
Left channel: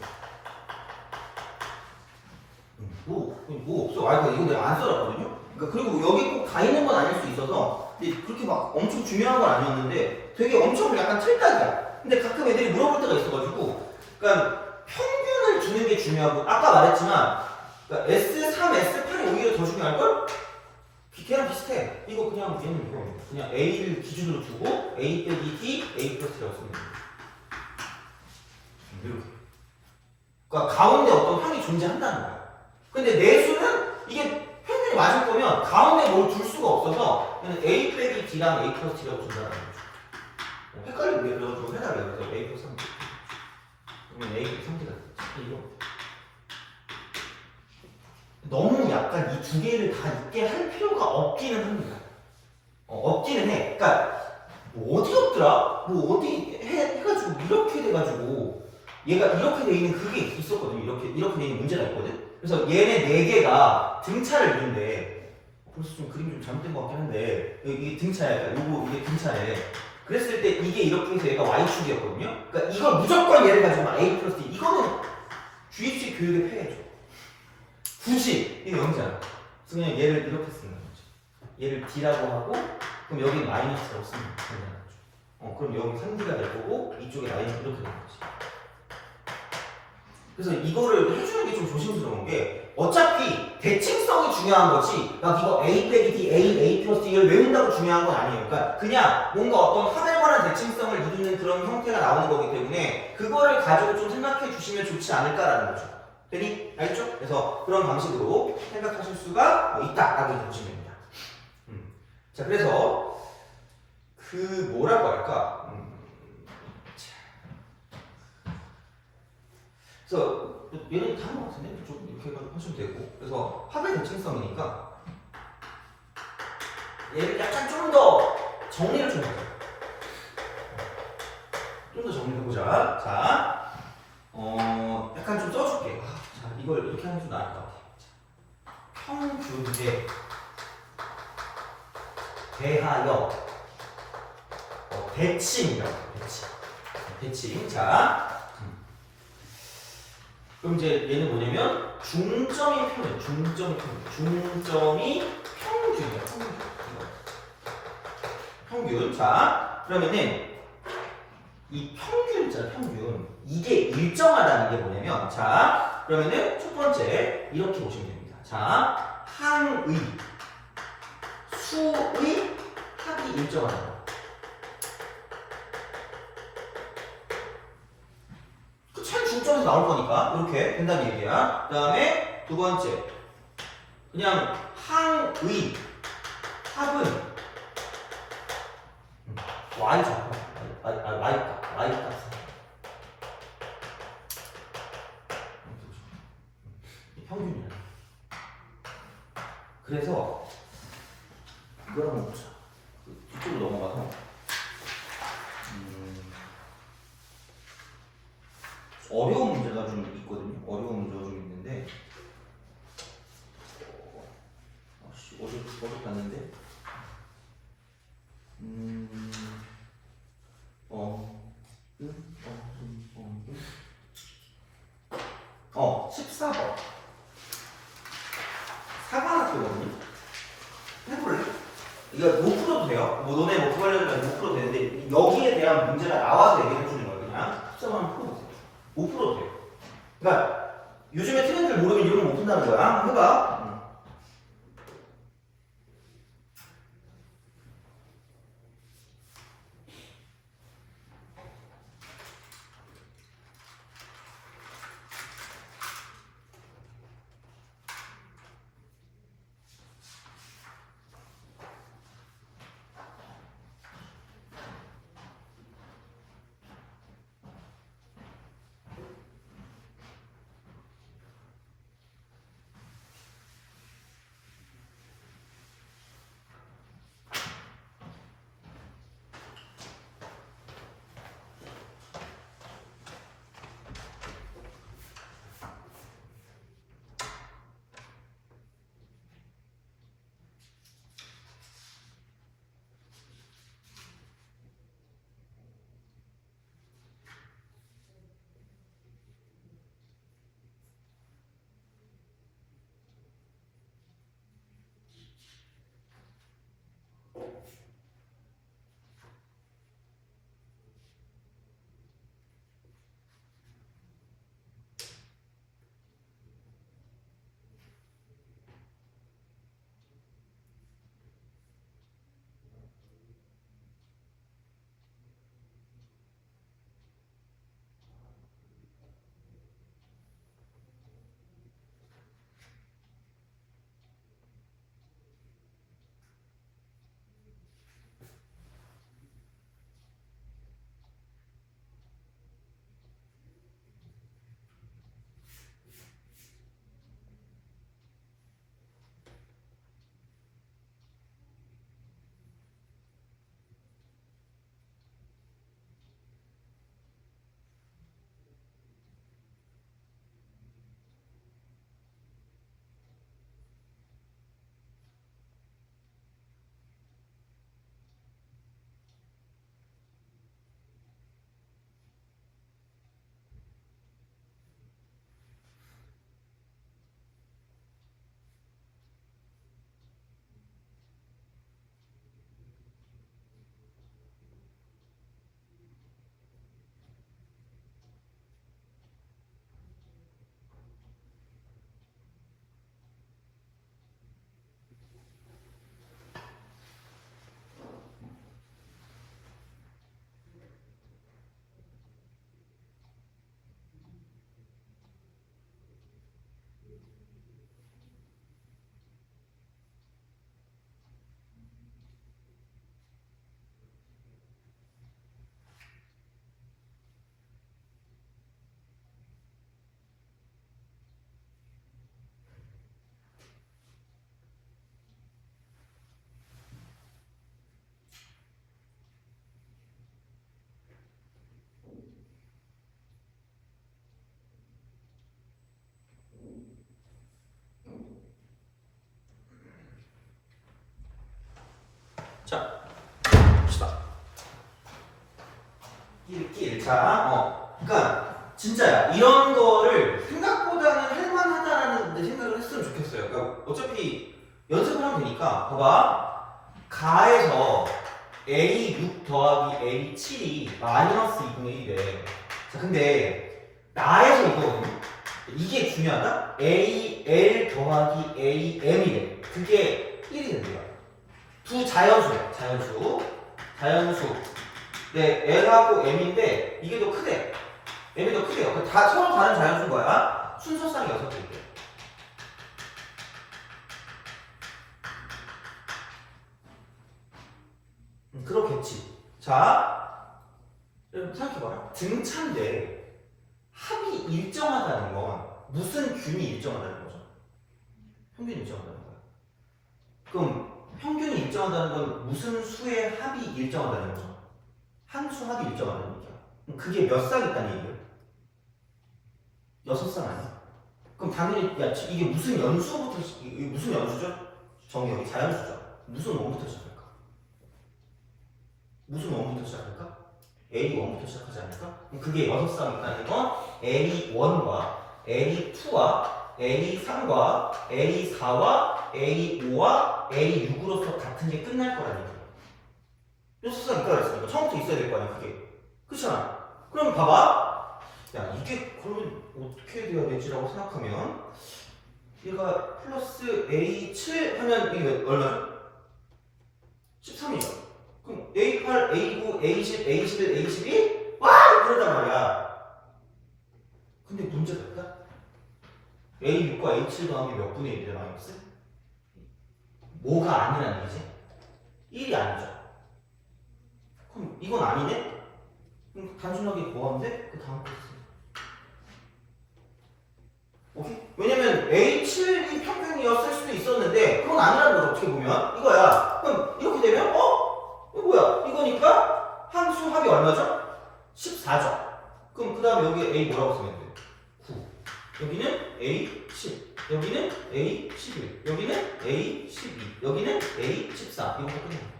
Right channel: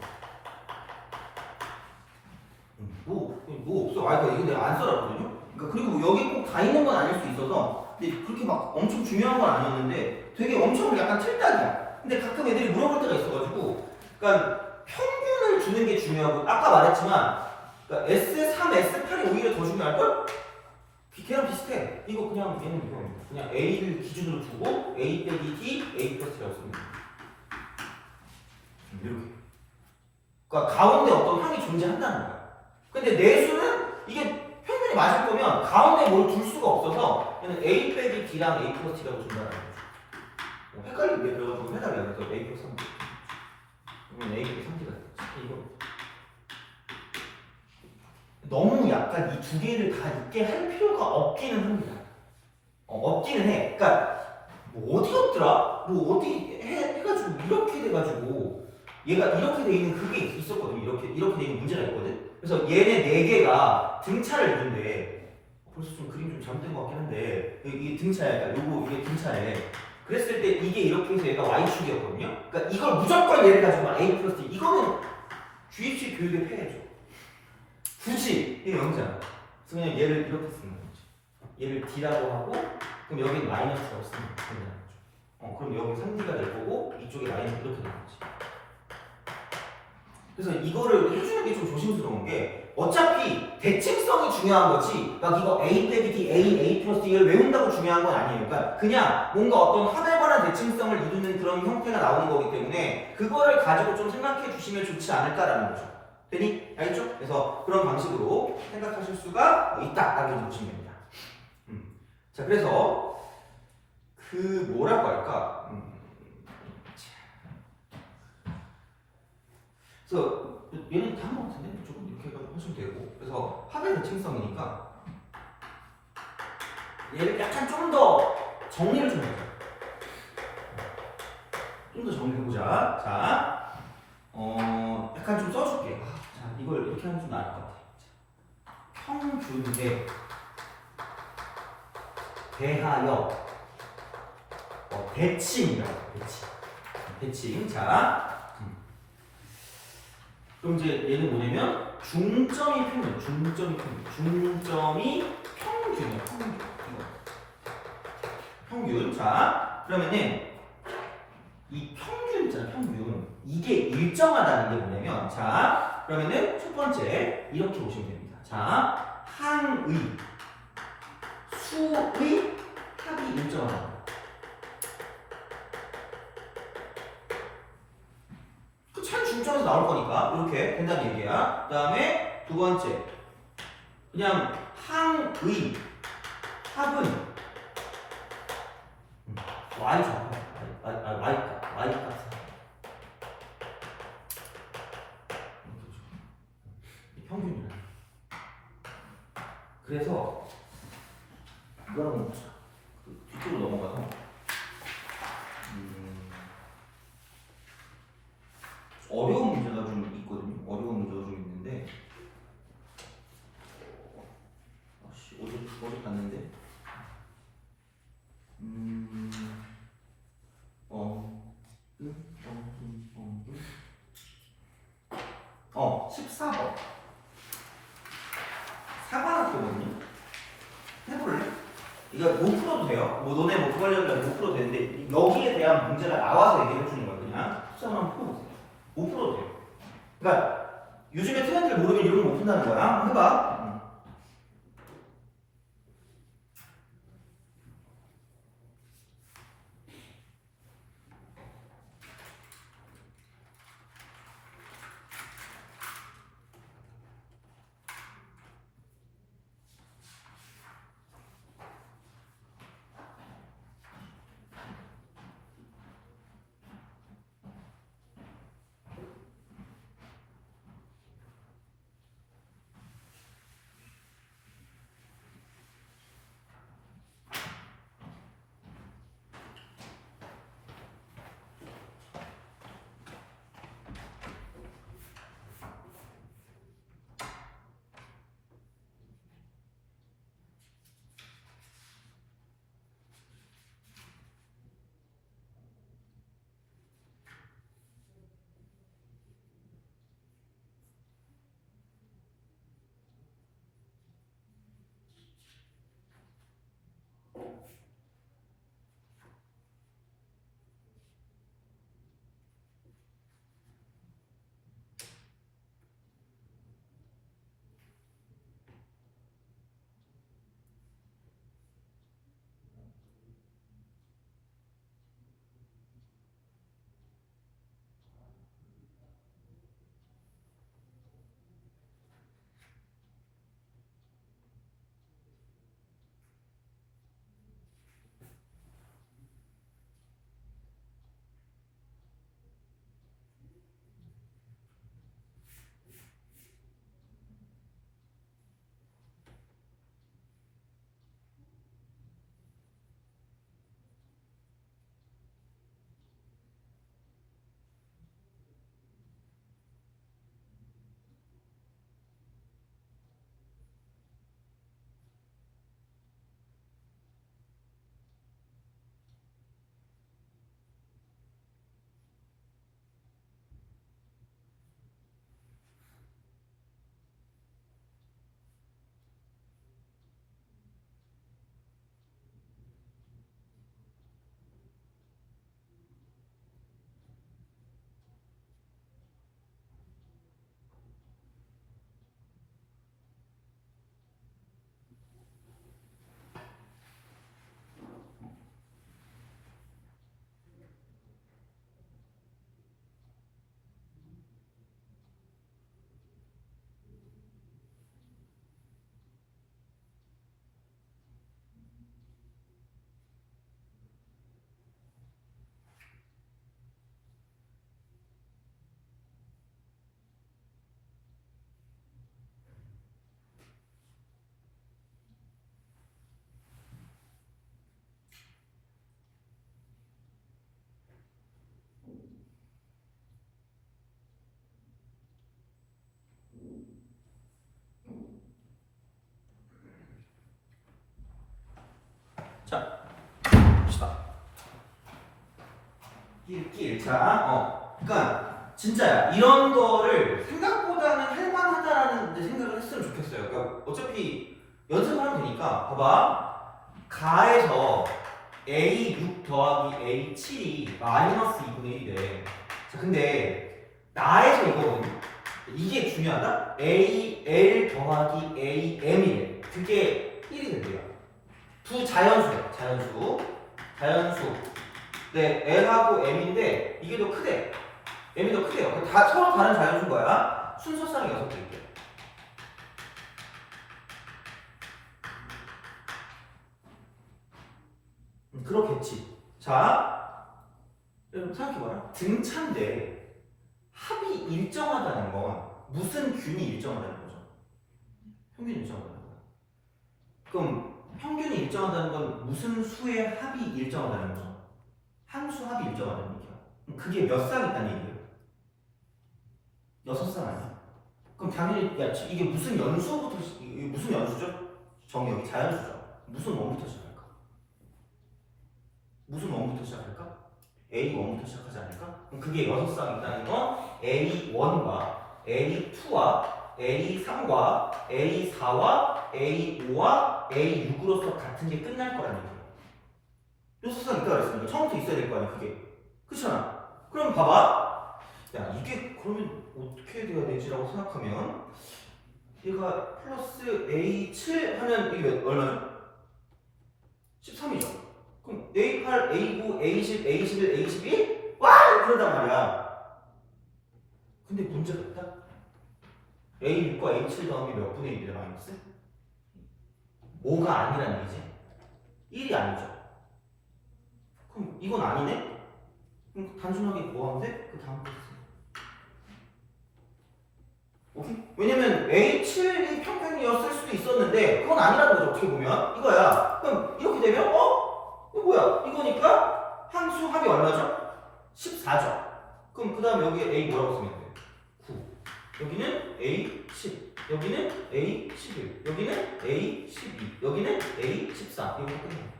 뭐 없어. 이거 내가 안 써놨거든요. 그러니까 그리고 여기 꼭 다 있는 건 아닐 수 있어서 근데 그렇게 막 엄청 중요한 건 아니었는데 되게 엄청 약간 틀딱이야. 근데 가끔 애들이 물어볼 때가 있어가지고 그러니까 평균을 주는 게 중요하고 아까 말했지만 그러니까 S3, S8이 오히려 더 중요할걸? 걔랑 비슷해. 이거 그냥 얘는 이거입니다. 그냥 A를 기준으로 두고 A 빼기 T, A 플러스 T라고 씁니다. 이렇게. 그러니까 가운데 어떤 항이 존재한다는 거야. 근데 내수는 이게 평균이 맞을 거면 가운데 뭘 둘 수가 없어서 얘는 A 빼기 D랑 A 플러스 T라고 준다는 거죠. 헷갈리게 그래가지고 해달래요. 그래서 A 플러스 3D. 그러면 A 빼기 3D가 이거. 너무 약간 이 두 개를 다 있게 할 필요가 없기는 합니다. 없기는 해. 그러니까 뭐 어디 없더라? 뭐 어디 해가지고 이렇게 돼가지고 얘가 이렇게 돼 있는 그게 있었거든요. 이렇게 돼 있는 문제가 있거든. 그래서 얘네 네 개가 등차를 이룬데 벌써 좀 그림 좀 잘못된 것 같긴 한데 이게 등차야. 요거 이게 등차래. 그랬을 때 이게 이렇게 해서 얘가 y축이었거든요. 그러니까 이걸 무조건 얘를 가지고 막 a 플러스 t 이거는 주입식 교육의 폐해죠. 굳이 이게 0이잖아. 그래서 그냥 얘를 이렇게 쓰는 거지. 얘를 d라고 하고 그럼 여기 마이너스라고 쓰면 된다는 거죠. 그럼 여기 3d가 될 거고 이쪽에 라인이 이렇게 되는 거지. 그래서 이거를 해주는 게 좀 조심스러운 게 어차피 대칭성이 중요한 거지 막 이거 A 빼기 D, A 플러스 D를 외운다고 중요한 건 아니에요. 그러니까 그냥 뭔가 어떤 합에 관한 대칭성을 이루는 그런 형태가 나오는 거기 때문에 그거를 가지고 좀 생각해 주시면 좋지 않을까라는 거죠. 되니? 알겠죠? 그래서 그런 방식으로 생각하실 수가 있다라고 보시면 됩니다. 자, 그래서 그 뭐라고 할까? 그래서 얘는 다른 것 같은데 조금 이렇게 하시면 되고 그래서 합의 대칭성이니까 얘를 약간 좀 더 정리를 좀 해보자. 좀 더 정리를 해보자. 자, 약간 좀 써줄게. 자, 이걸 이렇게 하면 좀 나을 것 같아. 평균에 대하여 대칭이라고 대칭. 자. 그럼 이제 얘는 뭐냐면 중점이 평균이야. 평균. 자, 그러면은 이 평균 있잖아, 평균. 이게 일정하다는 게 뭐냐면, 자, 그러면은 첫 번째 이렇게 보시면 됩니다. 자, 항의, 수의 합이 일정하다. 그 차이 중점에서 나올 거니까 이렇게 된다는 얘기야. 그 다음에 두 번째, 그냥 항의 합은 y 죠. y 값. 평균이야. 그래서 이걸 한번 보자. 그 뒤쪽으로 넘어가서 어려운 문제가 좀 있거든요. 어려운 문제가 좀 있는데 어제 봤는데 14번 사관학교거든요. 해볼래? 이거 못 풀어도 돼요. 뭐 너네 뭐 구하려면 못 풀어도 되는데 여기에 대한 문제가 나와서 얘기해 주는 거예요. 그냥 14번 한번 풀어보세요. 못 풀어도 돼요. 그러니까 요즘에 트렌드를 모르면 이런 거 못 푼다는 거야. 한번 해봐. 자, 봅시다. 그러니까 진짜야. 이런 거를 생각보다는 할만하다라는 생각을 했으면 좋겠어요. 그러니까 어차피 연습을 하면 되니까 봐봐. 가에서 A6 더하기 A7이 마이너스 2분의 1이래. 자, 근데 나에서 이거거든요. 이게 중요하다. AL 더하기 AM이래. 그게 1이 된대요. 두 자연수야. 자연수. 네, L하고 M인데 이게 더 크대. M이 더 크대요. 다 서로 다른 자연수인 거야. 순서상 6개일게. 그렇겠지. 자, 여러분 생각해봐라. 등차인데 합이 일정하다는 건 무슨 균이 일정하다는 거죠? 평균이 일정하다는 거야. 그럼 평균이 일정하다는 건 무슨 수의 합이 일정하다는 거죠? 한 수 합이 일정하다는 얘기야. 그럼 그게 몇 쌍 있다는 얘기야? 6쌍 아니야? 그럼 당연히 야 이게 무슨 연수부터 이게 무슨 연수죠? 정의역이 자연수죠. 무슨 원부터 시작할까? 무슨 원부터 시작할까? A1부터 시작하지 않을까? 그럼 그게 6쌍 있다는 건 A1과 A2와 A3과 A4와 A5와 A6으로서 같은 게 끝날 거라는 얘기야. 6쌍 있다고 그랬으니까 처음부터 있어야 될 거 아니야 그게. 그렇잖아. 그럼 봐봐. 야 이게 그러면 어떻게 돼야 되지라고 생각하면 얘가 플러스 A7 하면 이게 얼마죠? 13이죠. 그럼 A8, A9, A10, A11, A12 와! 그러단 말이야. 근데 문제가 있다. A6과 A7 더하기 몇 분의 1이래 마이너스? 뭐가 아니라는 얘기지? 1이 아니죠. 그럼 이건 아니네? 그럼 단순하게 뭐 하면 돼? 그 다음 거 있어. 오케이? 왜냐면 A7이 평균이었을 수도 있었는데 그건 아니라는 거죠. 어떻게 보면 이거야. 그럼 이렇게 되면 이거 뭐야? 이거니까 항수 합이 얼마죠? 14죠. 그럼 그 다음에 여기에 A 뭐라고 쓰면 돼? 9. 여기는 A10. 여기는 A11. 여기는 A12. 여기는 A14. 이거 끝난 거야.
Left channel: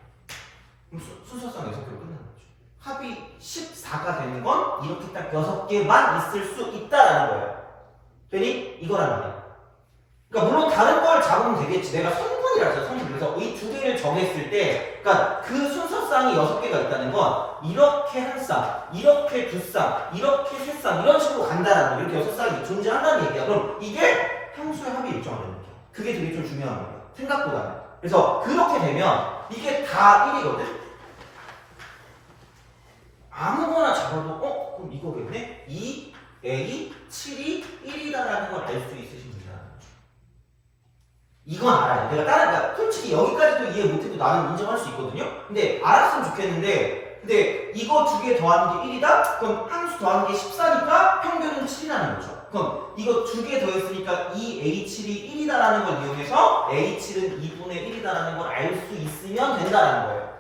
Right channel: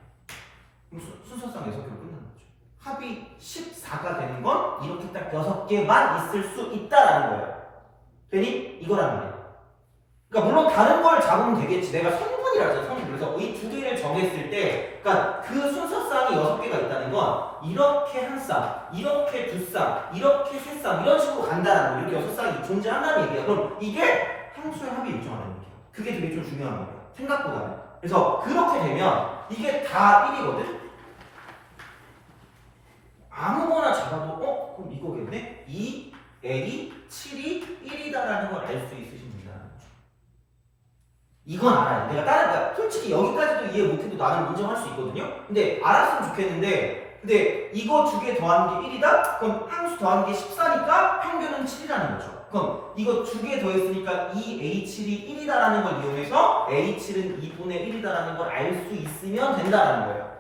그럼 순서상 6개로 끝나는 거죠. 합이 14가 되는 건 이렇게 딱 6개만 있을 수 있다라는 거예요. 되니? 이거라는 거야. 그러니까 물론 다른 걸 잡으면 되겠지. 내가 성분이라 했잖아. 성분. 그래서 이 두 개를 정했을 때, 그러니까 그 순서쌍이 6개가 있다는 건 이렇게 한 쌍, 이렇게 두 쌍, 이렇게 세 쌍 이런 식으로 간다는 거. 이렇게 6쌍이 존재한다는 얘기야. 그럼 이게 향수의 합이 일정하다는 얘기야. 그게 되게 좀 중요한 거야. 생각보다는. 그래서 그렇게 되면 이게 다 1이거든. 아무거나 잡아도 그럼 이거겠네? 2, A, 7이 1이다라는 걸 알 수 있으신 분이라는 거죠. 이건 알아요. 내가 그러니까 솔직히 여기까지도 이해 못해도 나는 인정할 수 있거든요. 근데 알았으면 좋겠는데 근데 이거 두 개 더하는 게 1이다? 그럼 항수 더하는 게 14니까 평균은 7이라는 거죠. 그럼 이거 두 개 더했으니까 2A7이 1이다라는 걸 이용해서 A7은 2분의 1이다라는 걸 알 수 있으면 된다라는 거예요.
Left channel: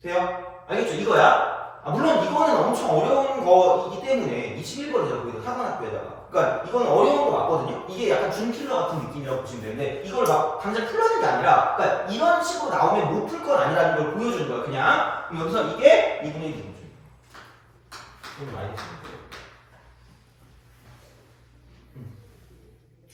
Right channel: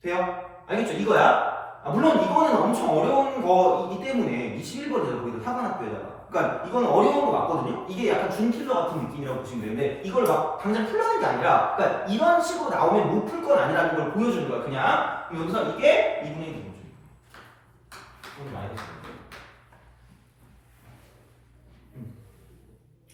돼요? 알겠죠? 이거야. 물론 이거는 엄청 어려운 거이기 때문에 21번이죠. 거기도 사관학교에다가. 그러니까 이건 어려운 거 맞거든요. 이게 약간 준킬러 같은 느낌이라고 보시면 되는데 이걸 막 당장 풀라는 게 아니라 그러니까 이런 식으로 나오면 못 풀 건 아니라는 걸 보여주는 거야. 그냥 그럼 여기서 이게 2분의 1이 되죠. 오늘 많이 했습니다.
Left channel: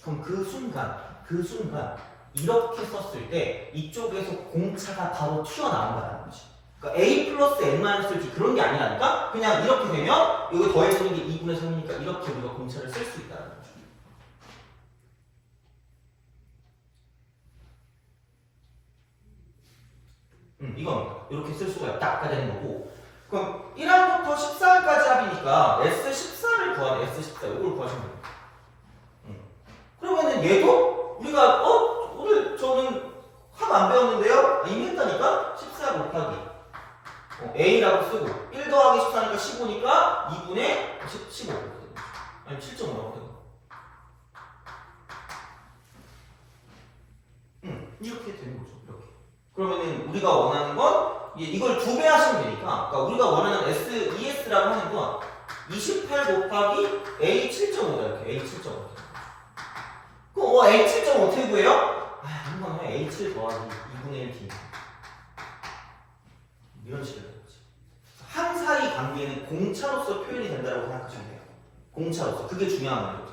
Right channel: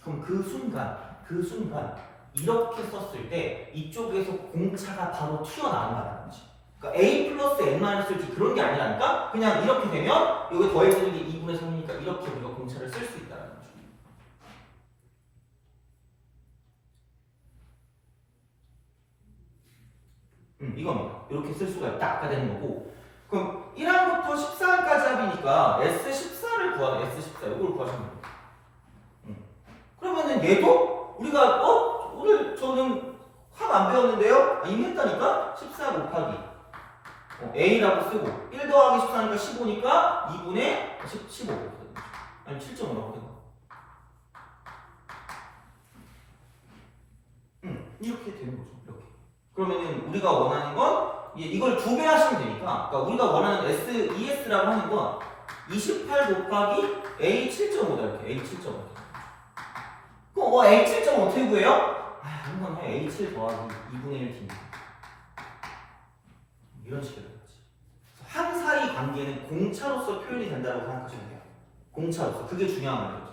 그럼 그 순간 이렇게 썼을 때 이쪽에서 공차가 바로 튀어나온다는 거지. 그러니까 A 플러스 N-T 그런 게 아니라니까? 그냥 이렇게 되면 여기 더해지는 게 2분의 3이니까 이렇게 우리가 공차를 쓸 수 있다는 거죠. 이건 이렇게 쓸 수가 있다. 아까 되는 거고. 그럼 1항부터 14항까지 합이니까 S14를 구하네. S14. 이걸 구하시면 됩니다. 그러면은 얘도 우리가 오늘 저는 합 안 배웠는데요? 이미 했다니까? 14 곱하기 A라고 쓰고 1 더하기 14니까 15니까 2분의 15 아니 7.5 나오거든. 이렇게 되는 거죠. 이렇게. 그러면은 우리가 원하는 건 이걸 2배 하시면 되니까 그러니까 우리가 원하는 ES라고 하는 건 28 곱하기 A 7.5다 이렇게 A 7.5 그럼 A 7.5 어떻게 구해요? 한번 해. A7 더하기 2분의 1 빈 이런 식으로 되는 거지. 항사의 관계는 공차로서 표현이 된다고 생각하시면 돼요. 공차로서. 그게 중요한 거예요.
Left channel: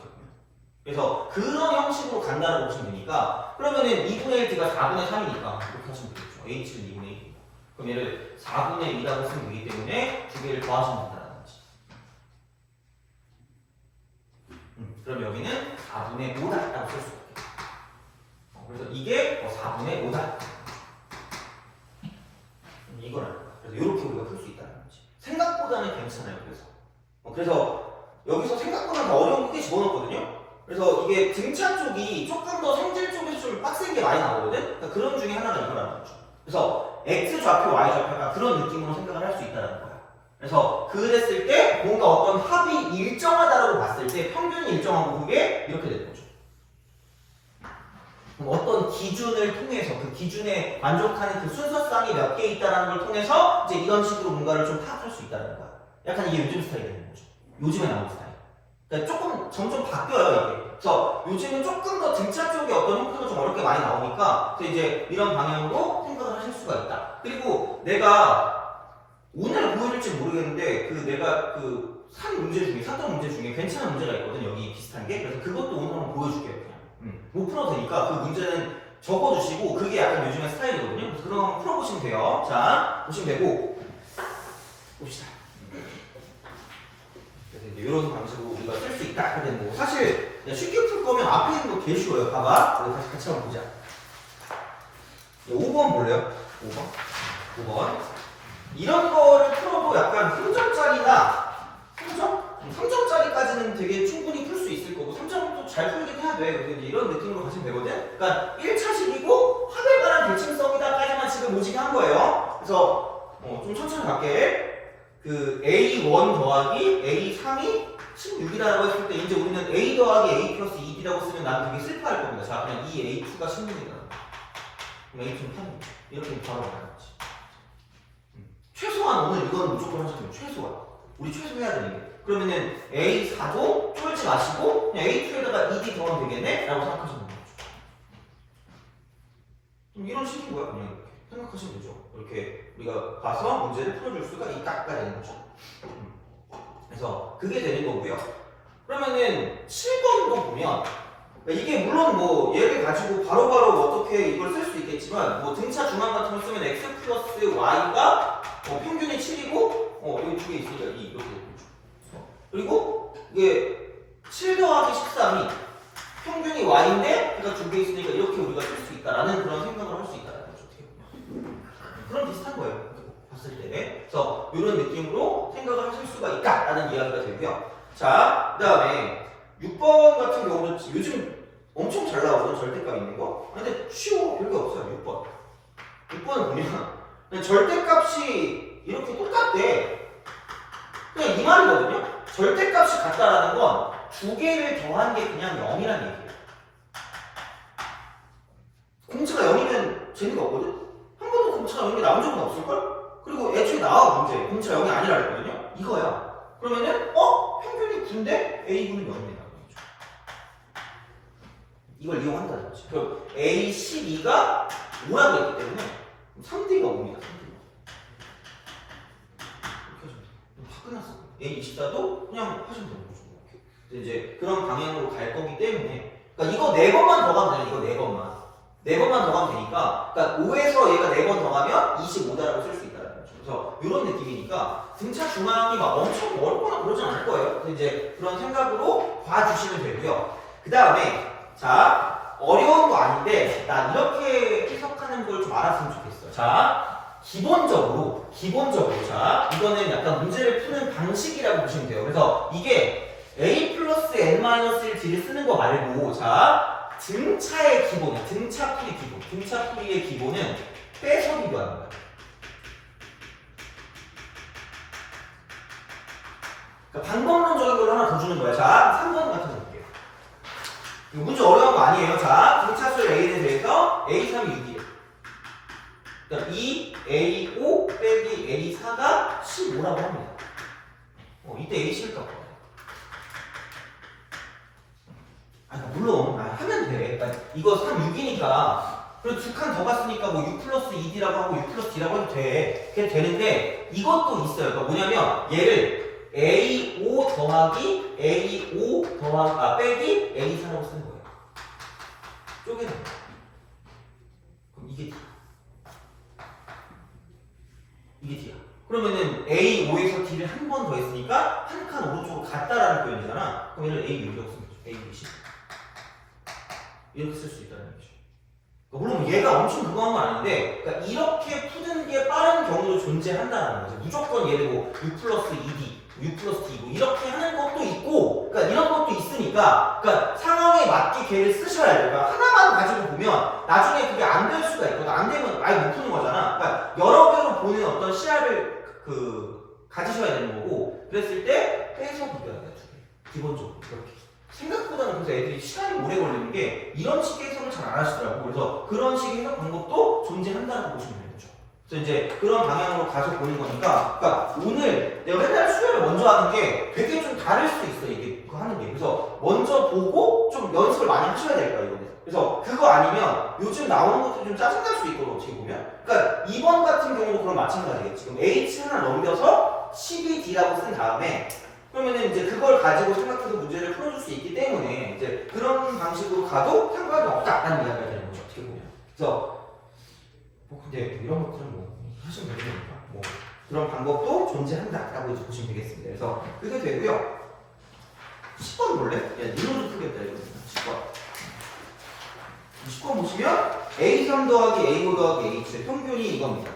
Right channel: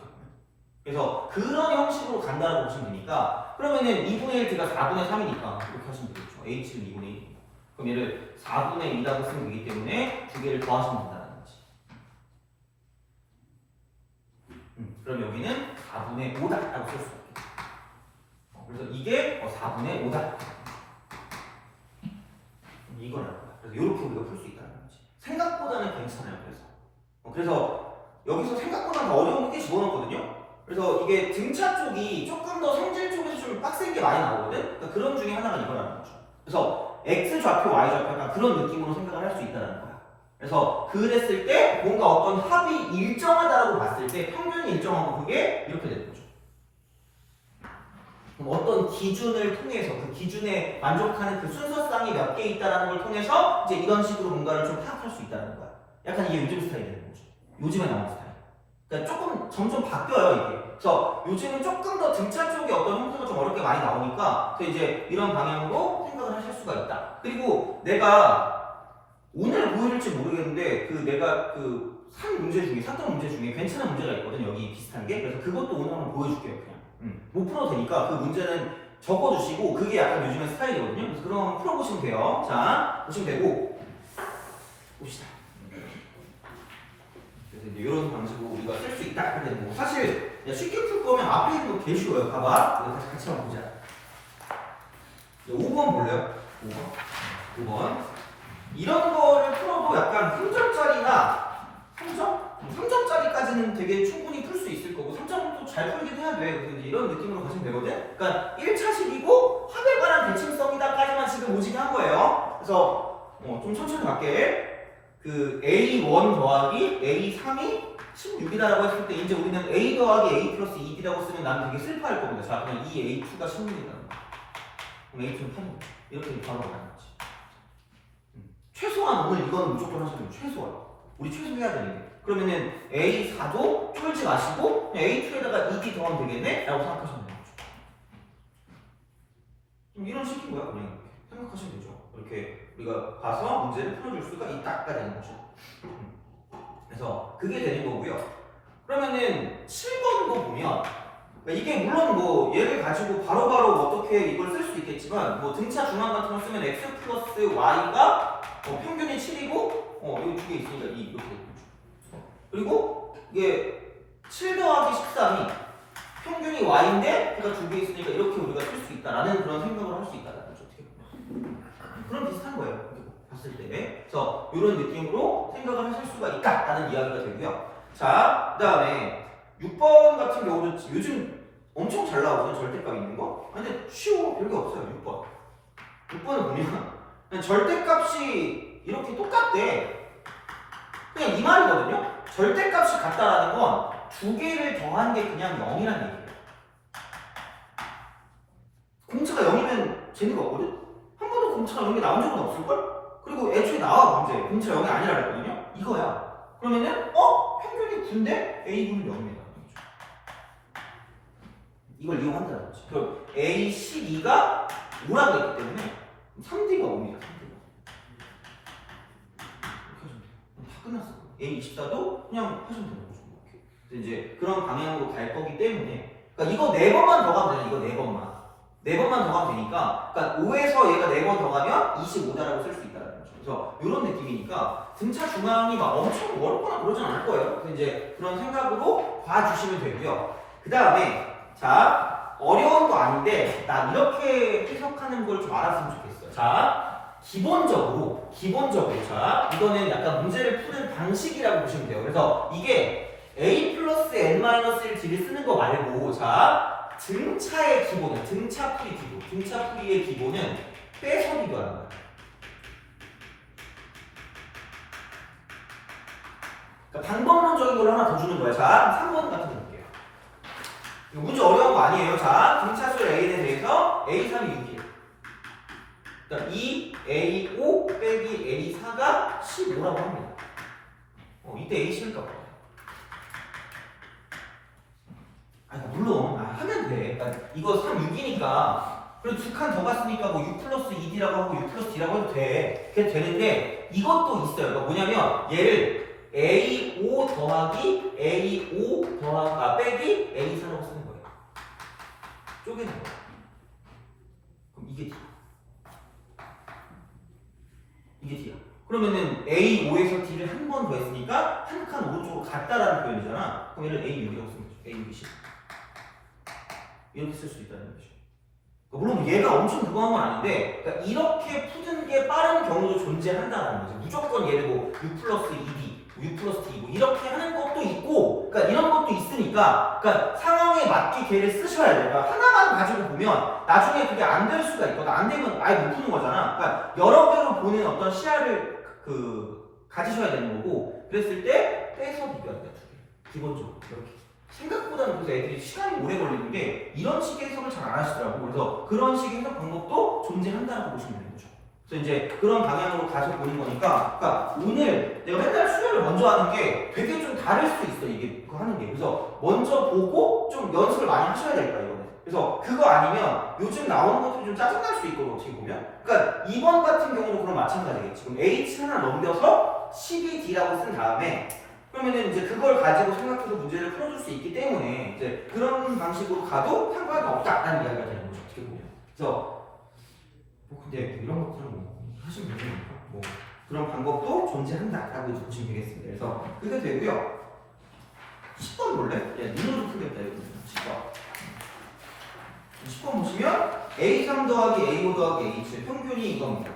그래서 그런 형식으로 간다고 보시면 되니까 그러면은 2분의 1t가 4분의 3이니까 이렇게 하시면 되겠죠. H는 2분의 1. 그럼 얘를 4분의 2라고 쓰면 되기 때문에 두 개를 더하시면 된다는 거지. 그럼 여기는 4분의 5다라고 쓸 수 있게. 그래서 이게 4분의 5다. 이걸 알 거야. 그래서 이렇게 우리가 풀 수 있다는 거지. 생각보다는 괜찮아요. 그래서 여기서 생각보다 더 어려운 게 집어넣었거든요. 그래서 이게 등차 쪽이 조금 더 성질 쪽에서 좀 빡센 게 많이 나오거든. 그러니까 그런 중에 하나가 이거라는 거죠. 그래서 x 좌표, y 좌표가 그런 느낌으로 생각을 할 수 있다는 거야. 그래서 그랬을 때 뭔가 어떤 합이 일정하다라고 봤을 때 평균이 일정하고 그게 이렇게 되는 거죠. 그럼 어떤 기준을 통해서 그 기준에 만족하는 그 순서쌍이 몇 개 있다는 걸 통해서 이제 이런 식으로 뭔가를 좀 파악할 수 있다는 거야. 약간 이게 요즘 스타일이 되는 거죠. 요즘에 나오는 스타일. 그러니까 조금 점점 바뀌어요 이게. 그래서 요즘은 조금 더 등차 쪽에 어떤 형태가 좀 어렵게 많이 나오니까 그래서 이제 이런 방향으로 생각을 하실 수가 있다. 그리고 내가 오늘 보여줄지 모르겠는데 내가 산 문제 중에 샀던 문제 중에 괜찮은 문제가 있거든 여기 비슷한 게. 그래서 그것도 오늘 한번 보여줄게요 그냥. 못 풀어도 되니까 그 문제는 적어주시고 그게 약간 요즘의 스타일이거든요. 그래서 그런 거 한번 풀어보시면 돼요. 자 보시면 되고 봅시다. 그래서 이제 이런 방식으로 우리가 쓸 수 있다 하게 되는 거고 사실 쉽게 풀 거면 앞에 있는 거 개 쉬워요. 봐봐. 이거 같이 한번 보자. 5번 볼래요? 5번. 이런 거를 풀어도 약간 3점짜리나 3점짜리까지는 되게 충분히 풀 수 있을 거고 3점도 잘 풀긴 해야 돼. 그래서 이제 이런 느낌으로 가시면 되거든. 그러니까 1차식이고 합에 관한 대칭성이다까지만 지금 오지게 한 거예요. 그래서 좀 천천히 갈게. A1 더하기 A3이 16이다라고 했을 때 이제 우리는 A 더하기 A 플러스 2B라고 쓰면 난 되게 슬퍼할 겁니다. 자 그냥 이 A2가 16이다. 그럼 A2는 8. 이렇게 바로 가는 거지. 최소한 오늘 이거는 무조건 하시면 최소한. 우리 최소해야 되는 게. 그러면은 A4도 쫄지 마시고 그냥 A2에다가 2B 더하면 되겠네? 라고 생각하시면 되는 거죠. 이런 식인 거야 그냥 이렇게 생각하시면 되죠. 이렇게 우리가 가서 문제를 풀어줄 수가 있다가 되는 거죠. 그래서 그게 되는 거고요. 그러면은 7번도 보면 이게 물론 뭐 얘를 가지고 바로바로 어떻게 이걸 쓸 수 있겠지만 뭐 등차 중앙 같은 걸 쓰면 x 플러스 y가 평균이 7이고 여기 두 개 있으니까 2 이렇게 되는 거죠. 그리고 이게 7 더하기 13이 평균이 y인데 얘가 두 개 있으니까 이렇게 우리가 쓸 수 있다라는 그런 생각을 할 수 있다는 거죠. 어떻게 보면 그런 비슷한 거예요. 이렇게 봤을 때. 그래서 이런 느낌으로 생각을 하실 수가 있다라는 이야기가 되고요. 자, 그다음에 6번 같은 경우는 요즘 엄청 잘 나오죠. 절대값 있는 거. 근데 쉬워. 별게 없어요. 6번. 6번을 보면 절대값이 이렇게 똑같대. 그냥 이 말이거든요. 절대값이 같다라는 건 두 개를 더한 게 그냥 0이라는 얘기예요. 공차가 0이면 재미가 없거든? 한 번도 공차가 0이 나온 적은 없을걸? 그리고 애초에 나와 문제. 공차 0이 아니라 했거든요? 이거야. 그러면은 평균이 9인데 A분은 0입니다. 이걸 이용한다는 거지. 그럼 A12가 5라고 했기 때문에 3D가 5입니다. 3D가. 이렇게 하시면 돼요. 다 끝났어. A24도 그냥 하시면 되는 거죠. 이제 그런 방향으로 갈 거기 때문에 그러니까 이거 4번만 더 가면 되잖아. 이거 4번만. 4번만 더 가면 되니까 그러니까 5에서 얘가 4번 더 가면 25다라고 쓸 수 있다는 거죠. 그래서 이런 느낌이니까 등차 중앙이 막 엄청 어렵거나 그러진 않을 거예요. 그래서 이제 그런 생각으로 봐주시면 되고요. 그 다음에 자 어려운 거 아닌데 나 이렇게 해석하는 걸 좀 알았으면 좋겠어요. 자 기본적으로 자 이거는 약간 문제를 푸는 방식이라고 보시면 돼요. 그래서 이게 A 플러스 N-1을 뒤를 쓰는 거 말고 자 등차의 기본은 등차풀이 기본 등차풀이의 기본은 빼서기도 합니다. 그러니까 방법론적인 걸 하나 더 주는 거야. 자 3번 같은 거 볼게요. 이거 문제 어려운 거 아니에요. 자 등차수 A에 대해서 A3이 6이에요. 그러니까 2A5 빼기 A4가 15라고 합니다. 이때 A11값 봐요. 물론 하면 돼. 그러니까 이거 3, 6이니까 그리고 두 칸 더 갔으니까 뭐 6 플러스 2D라고 하고 6 플러스 D라고 해도 돼. 그게 되는데 이것도 있어요. 그러니까 뭐냐면 얘를 A5 더하기 A5 더하기 빼기 A4라고 쓰는 거예요. 쪼개는 거예요. 그럼 이게 D. 이게 D야. 그러면은 A5에서 D를 한 번 더 했으니까 한 칸 오른쪽으로 갔다라는 표현이잖아. 그럼 얘를 A6이라고 쓰면 되죠. A6이 이렇게 쓸 수 있다는 거죠. 물론 얘가 엄청 무거운 건 아닌데, 그러니까 이렇게 푸는 게 빠른 경우도 존재한다는 거죠. 무조건 얘를 뭐 U 플러스 2D, U 플러스 D 뭐 이렇게 하는 것도 있고, 그러니까 이런 것도 있으니까, 그러니까 상황에 맞게 걔를 쓰셔야 돼요. 그러니까 하나만 가지고 보면 나중에 그게 안 될 수가 있거든. 안 되면 아예 못 푸는 거잖아. 그러니까 여러 개로 보는 어떤 시야를 가지셔야 되는 거고, 그랬을 때 빼서 비교해야 돼, 두 개. 기본적으로 그렇게. 생각보다는 그래서 애들이 시간이 오래 걸리는 게 이런 식의 해석을 잘 안 하시더라고. 그래서 그런 식의 해석 방법도 존재한다고 보시면 되는 거죠. 그래서 이제 그런 방향으로 가서 보는 거니까, 그러니까 오늘 내가 맨날 수혈을 먼저 하는 게 되게 좀 다를 수 있어, 이게 그거 하는 게. 그래서 먼저 보고 좀 연습을 많이 하셔야 될 거야, 이거는. 그래서 그거 아니면 요즘 나오는 것도 좀 짜증날 수 있거든, 어떻게 보면. 그러니까 2번 같은 경우도 그럼 마찬가지겠지. 지금 H 하나 넘겨서 12D라고 쓴 다음에 그러면은 이제 그걸 가지고 생각해서 문제를 풀어줄 수 있기 때문에 이제 그런 방식으로 가도 상관없다는 이야기가 되는 거죠, 어떻게 보면. 그래서 뭐 근데 이런 것들은 뭐 하시면 되니까 뭐 그런 방법도 존재한다라고 이제 보시면 되겠습니다. 그래서 그게 되고요. 10번 볼래? 야, 니노도 풀겠다 이거. 10번. 10번 보시면 A3 더하기 A5 더하기 H의 평균이 이겁니다.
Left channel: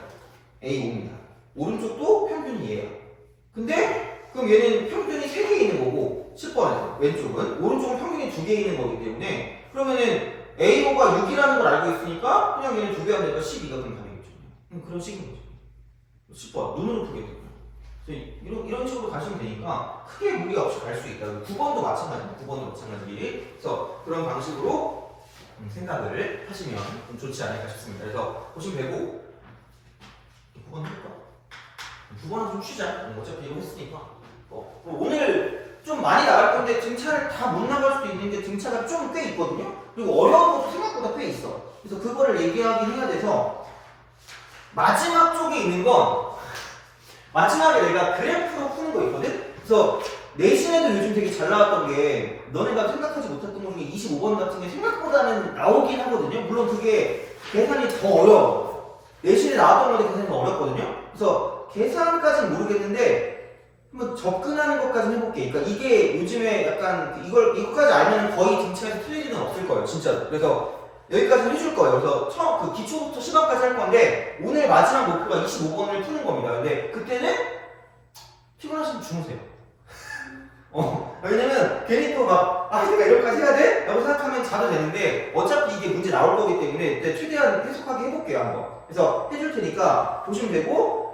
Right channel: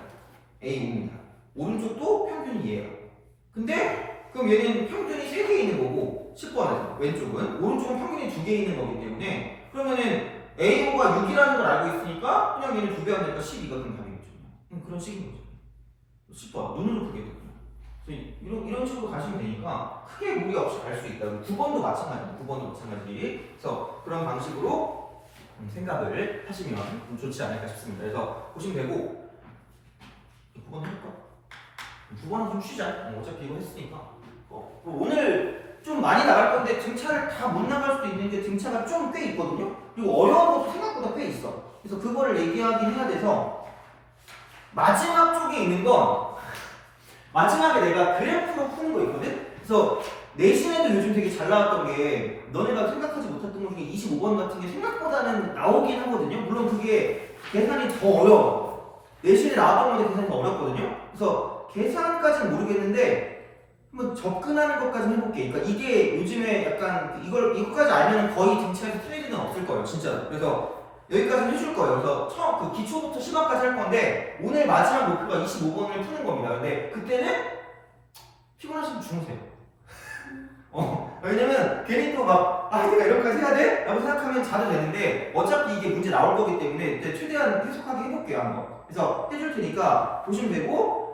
A5입니다. 오른쪽도 평균이 얘예요. 근데 그럼 얘는 평균이 3개 있는 거고 10번에서 왼쪽은 오른쪽은 평균이 2개 있는 거기 때문에 그러면은 A5가 6이라는 걸 알고 있으니까 그냥 얘는 2배 하면 되니까 12가 그럼 답이겠죠. 그런 식인 거죠. 10번 눈으로 보겠거든요. 이런 식으로 가시면 되니까 크게 무리 없이 갈 수 있다. 9번도 마찬가지입니다. 9번도 마찬가지. 그래서 그런 방식으로 생각을 하시면 좀 좋지 않을까 싶습니다. 그래서 보시면 되고 9번 할까? 9번은 좀 쉬자. 어차피 이거 했으니까. 오늘 좀 많이 나갈 건데 등차를 다 못 나갈 수도 있는 게 등차가 좀 꽤 있거든요. 그리고 어려운 것도 생각보다 꽤 있어. 그래서 그거를 얘기하긴 해야 돼서 마지막 쪽에 있는 건 마지막에 내가 그래프로 푸는 거 있거든. 그래서 내신에도 요즘 되게 잘 나왔던 게 너네가 생각하지 못했던 것 중에 25번 같은 게 생각보다는 나오긴 하거든요. 물론 그게 계산이 더 어려워. 내신에 나왔던 건데 계산이 더 어렵거든요. 그래서 계산까지는 모르겠는데 한번 접근하는 것까지 해볼게. 그러니까 이게 요즘에 약간 이거까지 알면 거의 등차에서 틀릴 일은 없을 거예요, 진짜로. 그래서 여기까지 해줄 거예요. 그래서 처음 그 기초부터 시간까지 할 건데 오늘 마지막 목표가 25번을 푸는 겁니다. 근데 그때는 피곤하시면 주무세요. 왜냐면 괜히 또 막 내가 이렇게까지 해야 돼? 라고 생각하면 자도 되는데 어차피 이게 문제 나올 거기 때문에 최대한 해석하게 해볼게요, 한번. 그래서 해줄 테니까 보시면 되고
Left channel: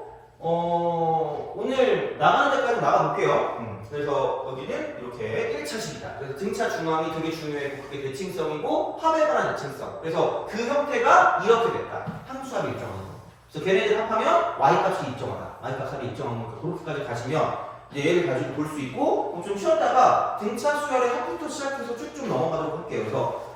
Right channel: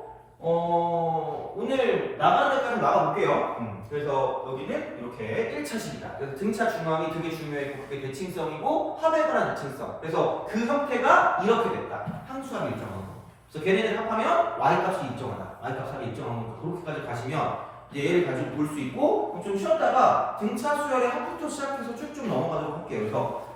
오늘 나가는 데까지 나가볼게요. 그래서 여기는 이렇게 1차식이다. 그래서 등차 중앙이 되게 중요했고 그게 대칭성이고 합의관한 대칭성. 그래서 그 형태가 이렇게 됐다. 항수합이 일정하는 거. 그래서 걔네들 합하면 y값이 일정하다. y값이 일정한 거. 그렇게까지 가시면 이제 얘를 가지고 볼 수 있고 그럼 좀 쉬었다가 등차 수열의 합부터 시작해서 쭉쭉 넘어가도록 할게요. 그래서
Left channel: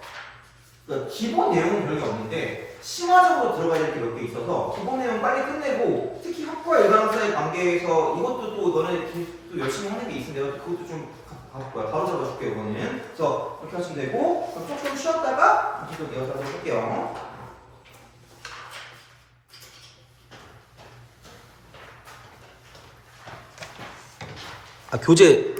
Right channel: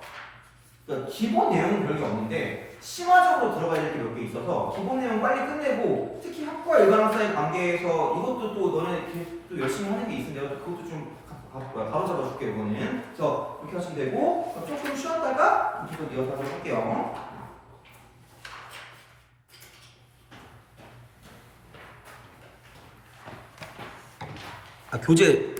그러니까 기본 내용은 별게 없는데 심화적으로 들어가야 될 게 몇 개 있어서 기본 내용 빨리 끝내고 특히 합과 일반항사의 관계에서 이것도 또 너네 또 열심히 하는 게 있는데 그것도 좀 가볼 거야. 바로 잡아줄게요, 이거는. 그래서 이렇게 하시면 되고 그럼 조금 쉬었다가 이렇게 또 이어서 하도록 할게요. 교재